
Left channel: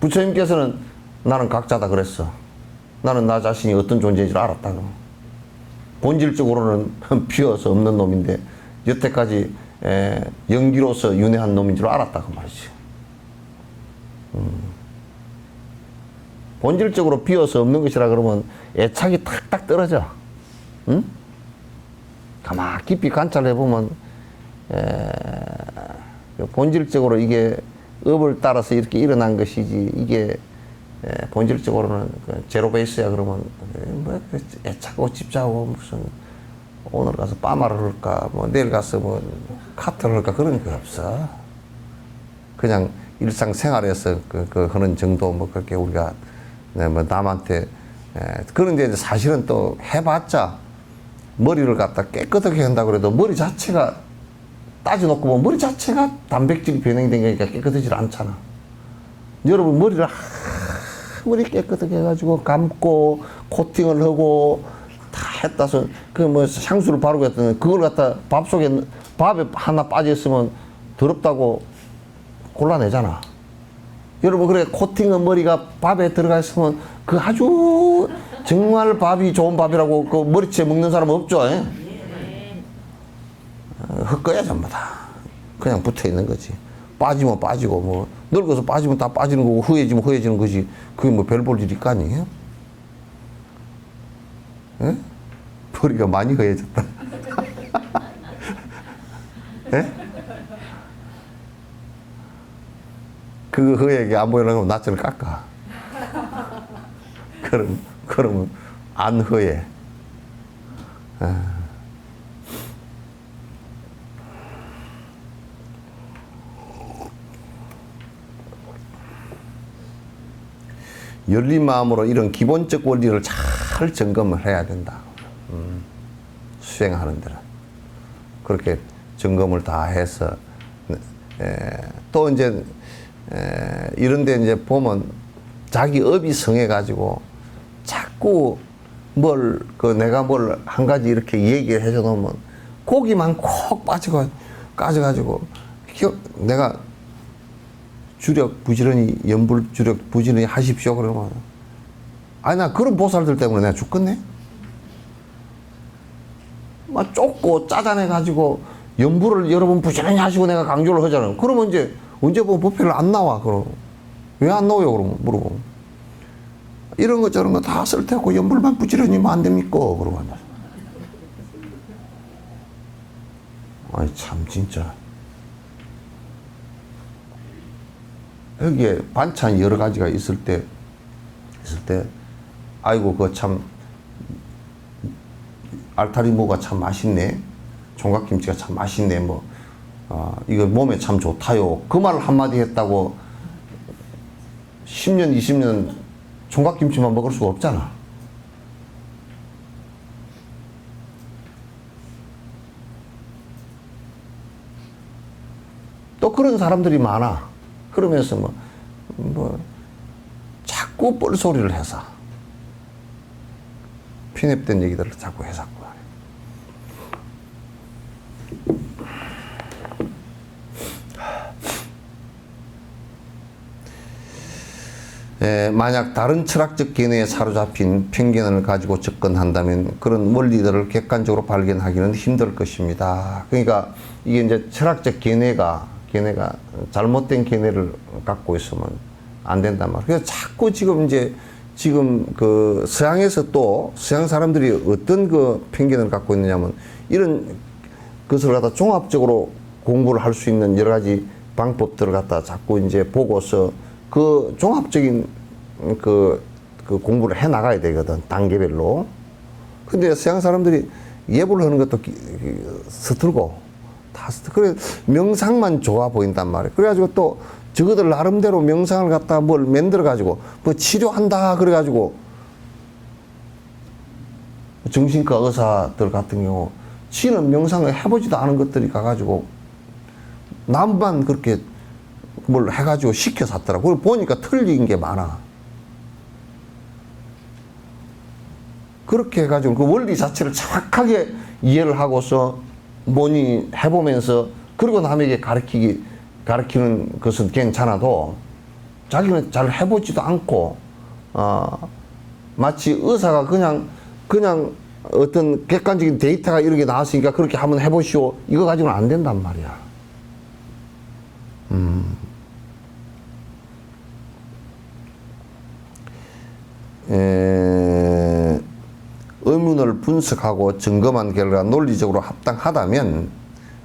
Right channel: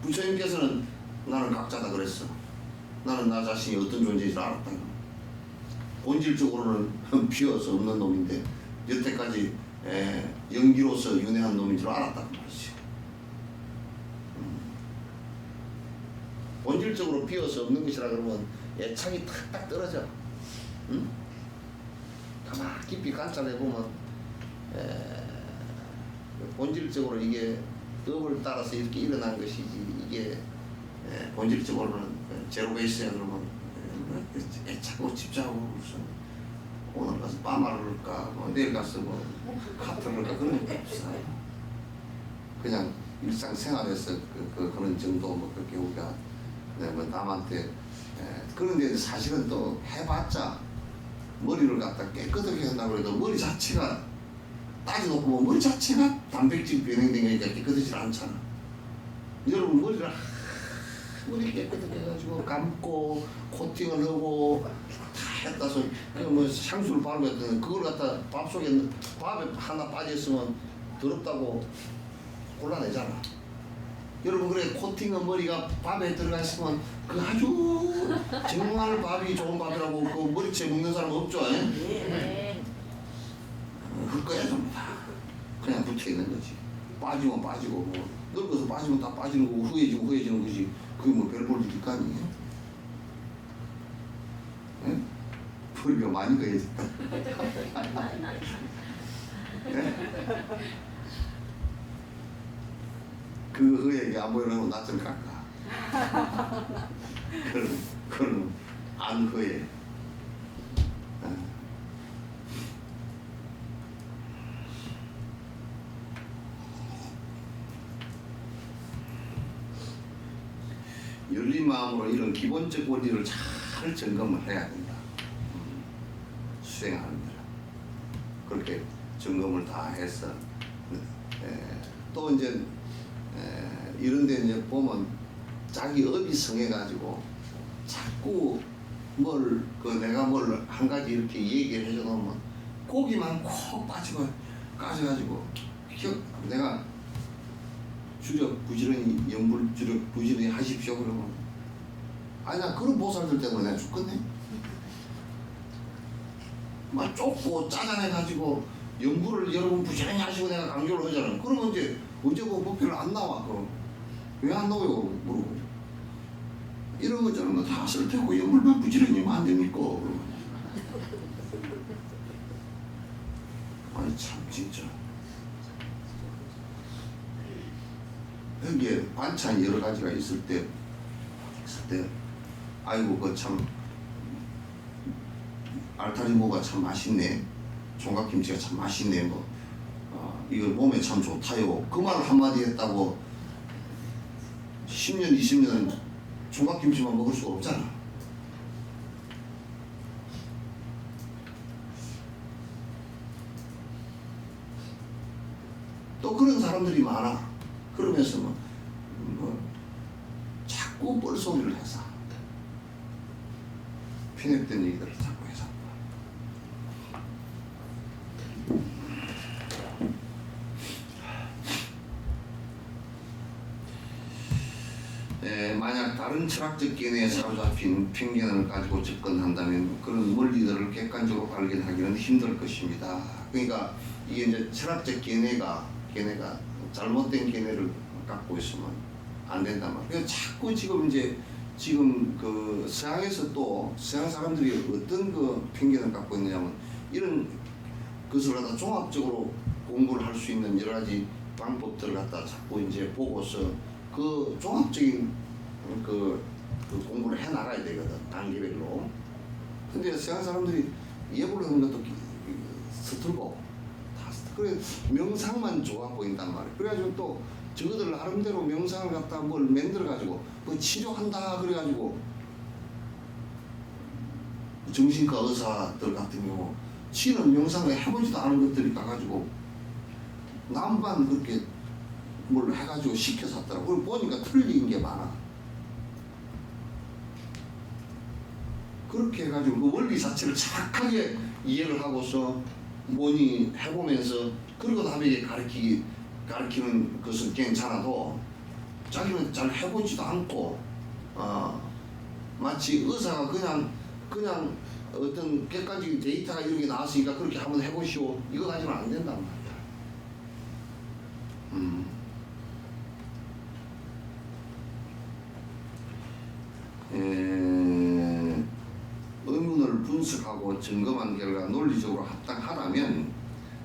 부처님께서는 나는 각자다 그랬어. 나는 나 자신이 어떤 존재인지를 알았다. 본질적으로는 비어서 없는 놈인데 여태까지 연기로서 윤회한 놈인 줄 알았다 그 말이지. 본질적으로 비어서 없는 것이라 그러면 애착이 탁탁 떨어져. 응? 가만 깊이 관찰해 보면 본질적으로 이게 업을 따라서 이렇게 일어난 것이지, 이게 본질적으로는 제로 베이스야. 그러면 뭐 애착하고 집착하고 무슨 오늘 가서 빠마를 할까 뭐 내일 가서 뭐 카트를 할까 그런 게 없어. 그냥 일상생활에서 그 하는 정도 뭐 그렇게 우리가 뭐 남한테 그런데 사실은 또 해봤자 머리를 갖다 깨끗하게 한다고 그래도 머리 자체가 따져놓고 보면 머리 자체가 단백질이 변형된 거니까 깨끗하지 않잖아. 여러분 머리를 아무리 깨끗하게 해가지고 감고 코팅을 하고 다 했다서 그 뭐 향수를 바르고 했더니 그걸 갖다 밥에 하나 빠져 있으면 더럽다고 골라내잖아. 여러분 그래 코팅한 머리가 밥에 들어가 있으면 그 아주 정말 밥이 좋은 밥이라고 그 머리채 먹는 사람 없죠? 흙거야 전부 다. 그냥 붙어 있는 거지. 빠지면 빠지고 뭐 늙어서 빠지면 다 빠지는 거고 허해지면 허해지는 거지. 그게 뭐 별 볼 일이 있거 아니에요? 예? 머리가 많이 허해졌다. 예? 그 허해게 안 보이려면 낯을 깎아. 그럼 안 허해. 열린 마음으로 이런 기본적 원리를 잘 점검을 해야 된다. 수행하는 데는. 그렇게 점검을 다 해서, 또 이제, 이런 데 이제 보면 자기 업이 성해가지고 자꾸 내가 뭘 한 가지 이렇게 얘기를 해줘 놓으면 고기만 콕 까져가지고, 내가 주력 부지런히, 연불 주력 부지런히 하십시오. 그러면, 아니, 나 그런 보살들 때문에 내가 죽겠네? 막 쫓고 짜잔해가지고, 연불을 여러분 부지런히 하시고 내가 강조를 하잖아요. 그러면 이제, 언제 뭐 법회를 안 나와, 그럼. 왜 안 나와요, 그러면? 물어보면. 이런 거 저런 거 다 쓸 테고, 연불만 부지런히 하면 안 됩니까? 그러면. 아니, 참, 진짜. 여기에 반찬 여러 가지가 있을 때, 아이고, 그 참, 알타리무가 참 맛있네. 총각김치가 참 맛있네. 이거 몸에 참 좋다요. 그 말 한마디 했다고 10년, 20년 총각김치만 먹을 수가 없잖아. 또 그런 사람들이 많아. 그러면서 자꾸 뻘소리를 해서 편협된 얘기들을 자꾸 해서 만약 다른 철학적 견해에 사로잡힌 편견을 가지고 접근한다면 그런 원리들을 객관적으로 발견하기는 힘들 것입니다. 그러니까 이게 이제 철학적 견해가 잘못된 견해를 갖고 있으면 안 된단 말이에요. 그래서 자꾸 지금 그 서양에서 또 서양 사람들이 어떤 그 편견을 갖고 있느냐면 이런 것을 갖다 종합적으로 공부를 할 수 있는 여러 가지 방법들을 갖다 자꾸 이제 보고서 그 종합적인 그 공부를 해 나가야 되거든, 단계별로. 근데 서양 사람들이 예불 하는 것도 서툴고 다 그래 명상만 좋아 보인단 말이에요. 그래가지고 또 저거들 나름대로 명상을 갖다 뭘 만들어 가지고 뭐 치료한다 그래가지고 정신과 의사들 같은 경우 지는 명상을 해보지도 않은 것들이 가가지고 남만 그렇게 뭘 해가지고 시켜서 하더라고. 그걸 보니까 틀린 게 많아. 그렇게 해가지고 그 원리 자체를 정확하게 이해를 하고서 뭐니 해보면서 그러고 남에게 가르치는 것은 괜찮아도 자기는 잘 해보지도 않고 마치 의사가 그냥 어떤 객관적인 데이터가 이런 게 나왔으니까 그렇게 한번 해보시오 이거 가지고는 안 된단 말이야. 의문을 분석하고 점검한 결과 논리적으로 합당하다면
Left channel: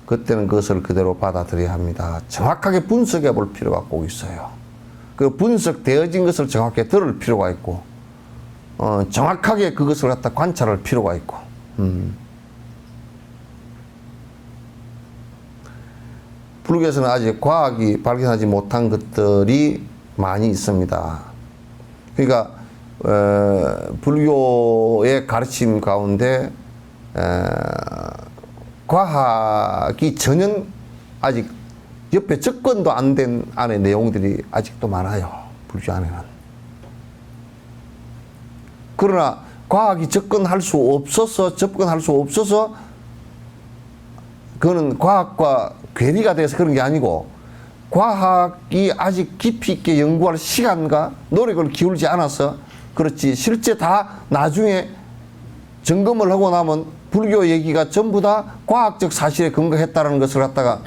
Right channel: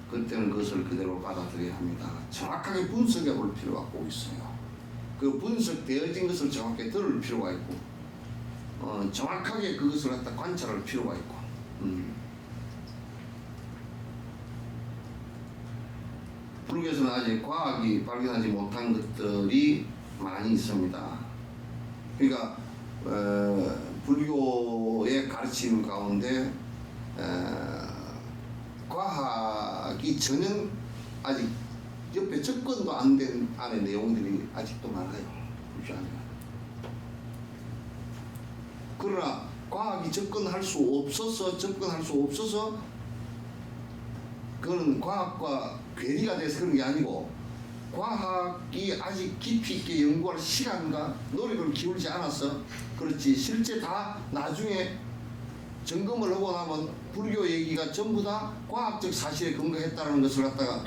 그때는 그것을 그대로 받아들여야 합니다. 정확하게 분석해 볼 필요가 꼭 있어요. 그 분석되어진 것을 정확하게 들을 필요가 있고 정확하게 그것을 갖다 관찰할 필요가 있고 불교에서는 아직 과학이 발견하지 못한 것들이 많이 있습니다. 그러니까 불교의 가르침 가운데 과학이 전혀 아직 옆에 접근도 안 된 안에 내용들이 아직도 많아요. 불교 안에는. 그러나 과학이 접근할 수 없어서 그거는 과학과 괴리가 돼서 그런 게 아니고 과학이 아직 깊이 있게 연구할 시간과 노력을 기울지 않아서 그렇지 실제 다 나중에 점검을 하고 나면 불교 얘기가 전부 다 과학적 사실에 근거했다는 것을 갖다가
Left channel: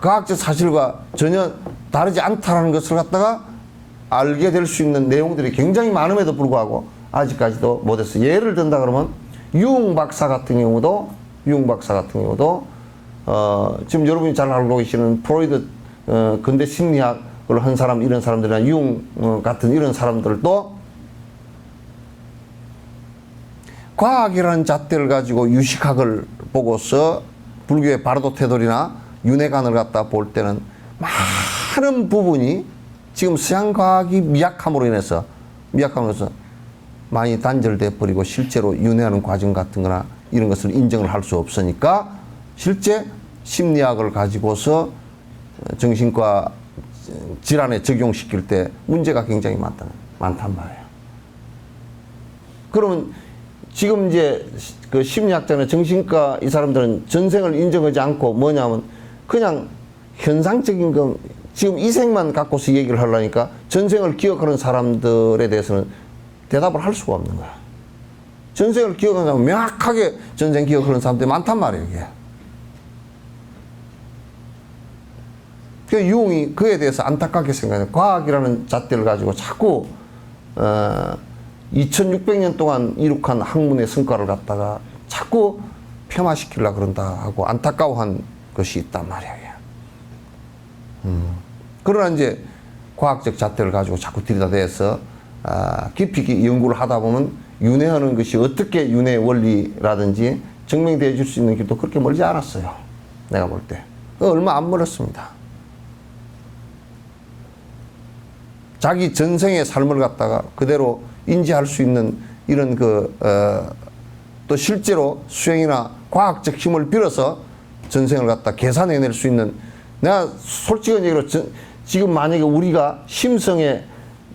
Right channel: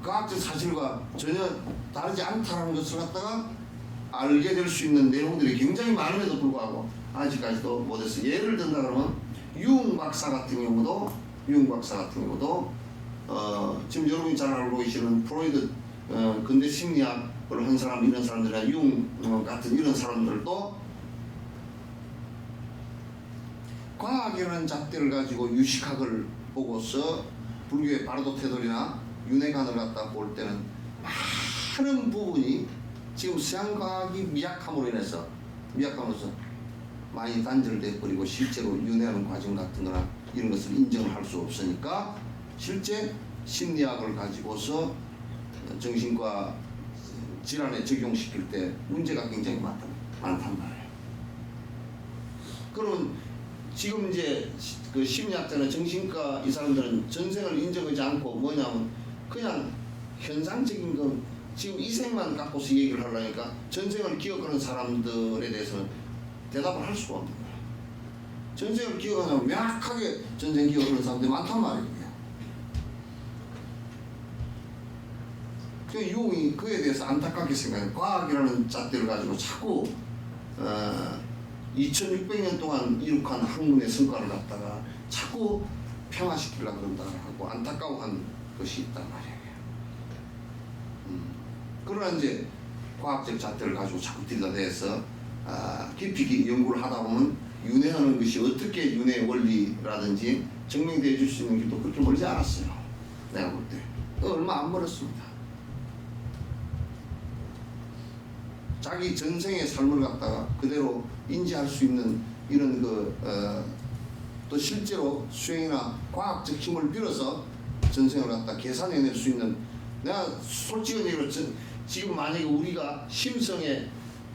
과학적 사실과 전혀 다르지 않다는 것을 갖다가 알게 될 수 있는 내용들이 굉장히 많음에도 불구하고 아직까지도 못했어요. 예를 든다 그러면 유흥 박사 같은 경우도 지금 여러분이 잘 알고 계시는 프로이드 근대 심리학을 한 사람 이런 사람들이나 유흥 같은 이런 사람들도 과학이라는 잣대를 가지고 유식학을 보고서 불교의 바르도 태돌이나 윤회관을 갖다 볼 때는 많은 부분이 지금 서양 과학이 미약함으로 인해서 미약함으로써 많이 단절돼 버리고 실제로 윤회하는 과정 같은 거나 이런 것을 인정을 할 수 없으니까 실제 심리학을 가지고서 정신과 질환에 적용시킬 때 문제가 굉장히 많단 말이에요. 그러면 지금 이제 그 심리학자나 정신과 이 사람들은 전생을 인정하지 않고 뭐냐면 그냥 현상적인 거 지금 이 생만 갖고서 얘기를 하려니까 전생을 기억하는 사람들에 대해서는 대답을 할 수가 없는 거야. 전생을 기억하는 사람 명확하게 전생 기억하는 사람들이 많단 말이에요. 이게. 그 유흥이 그에 대해서 안타깝게 생각해요. 과학이라는 잣대를 가지고 자꾸 2600년 동안 이룩한 학문의 성과를 갖다가 자꾸 폄하시키려고 그런다 하고 안타까워한 것이 있단 말이에요. 그러나 이제 과학적 잣대를 가지고 자꾸 들여다대서 깊이 있게 연구를 하다 보면 윤회하는 것이 어떻게 윤회 원리라든지 증명되어 줄 수 있는 길도 그렇게 멀지 않았어요. 내가 볼 때. 얼마 안 멀었습니다. 자기 전생의 삶을 갖다가 그대로 인지할 수 있는 이런 또 실제로 수행이나 과학적 힘을 빌어서 전생을 갖다 계산해낼 수 있는 내가 솔직한 얘기로 지금 만약에 우리가 심성의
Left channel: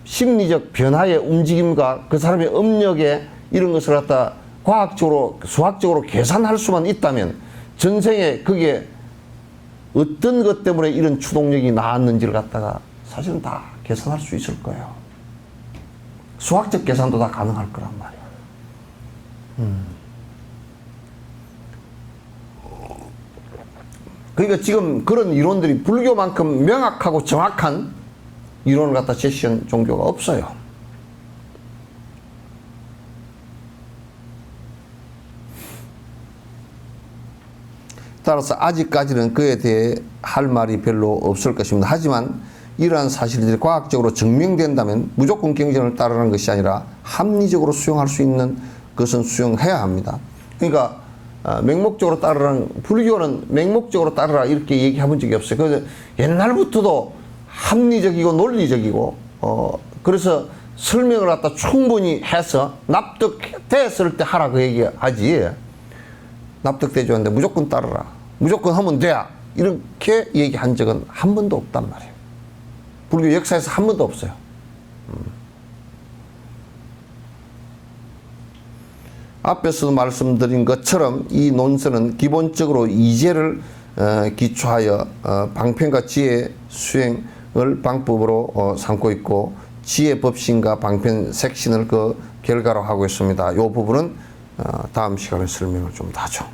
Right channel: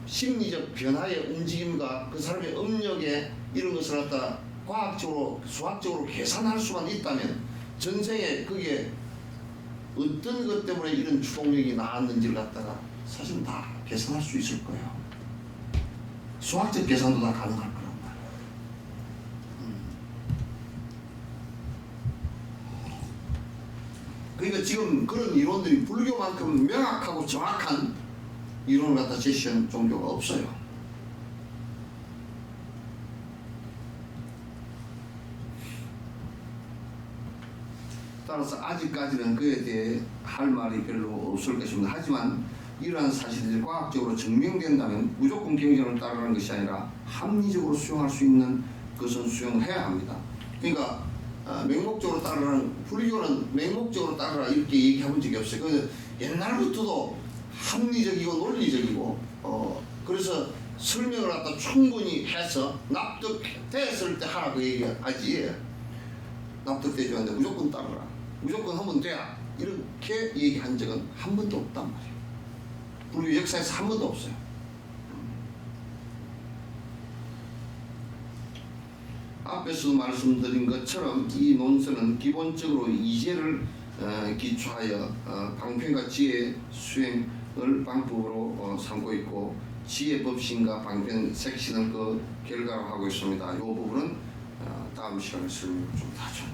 심리적 변화의 움직임과 그 사람의 업력에 이런 것을 갖다 과학적으로 수학적으로 계산할 수만 있다면 전생에 그게 어떤 것 때문에 이런 추동력이 나왔는지를 갖다가 사실은 다 계산할 수 있을 거예요. 수학적 계산도 다 가능할 거란 말이에요. 그러니까 지금 그런 이론들이 불교만큼 명확하고 정확한 이론을 갖다 제시한 종교가 없어요. 따라서 아직까지는 그에 대해 할 말이 별로 없을 것입니다. 하지만 이러한 사실들이 과학적으로 증명된다면 무조건 경전을 따르는 것이 아니라 합리적으로 수용할 수 있는 것은 수용해야 합니다. 그러니까 맹목적으로 따르라는, 불교는 맹목적으로 따르라 이렇게 얘기해본 적이 없어요. 그래서 옛날부터도 합리적이고 논리적이고 그래서 설명을 갖다 충분히 해서 납득됐을 때 하라 그 얘기하지, 납득되지 않는데 무조건 따르라, 무조건 하면 돼야 이렇게 얘기한 적은 한 번도 없단 말이에요. 불교 역사에서 한 번도 없어요. 앞에서도 말씀드린 것처럼 이 논설은 기본적으로 이제를 기초하여 방편과 지혜 수행을 방법으로 삼고 있고 지혜 법신과 방편 색신을 그 결과로 하고 있습니다. 이 부분은 다음 시간에 설명을 좀 더 하죠.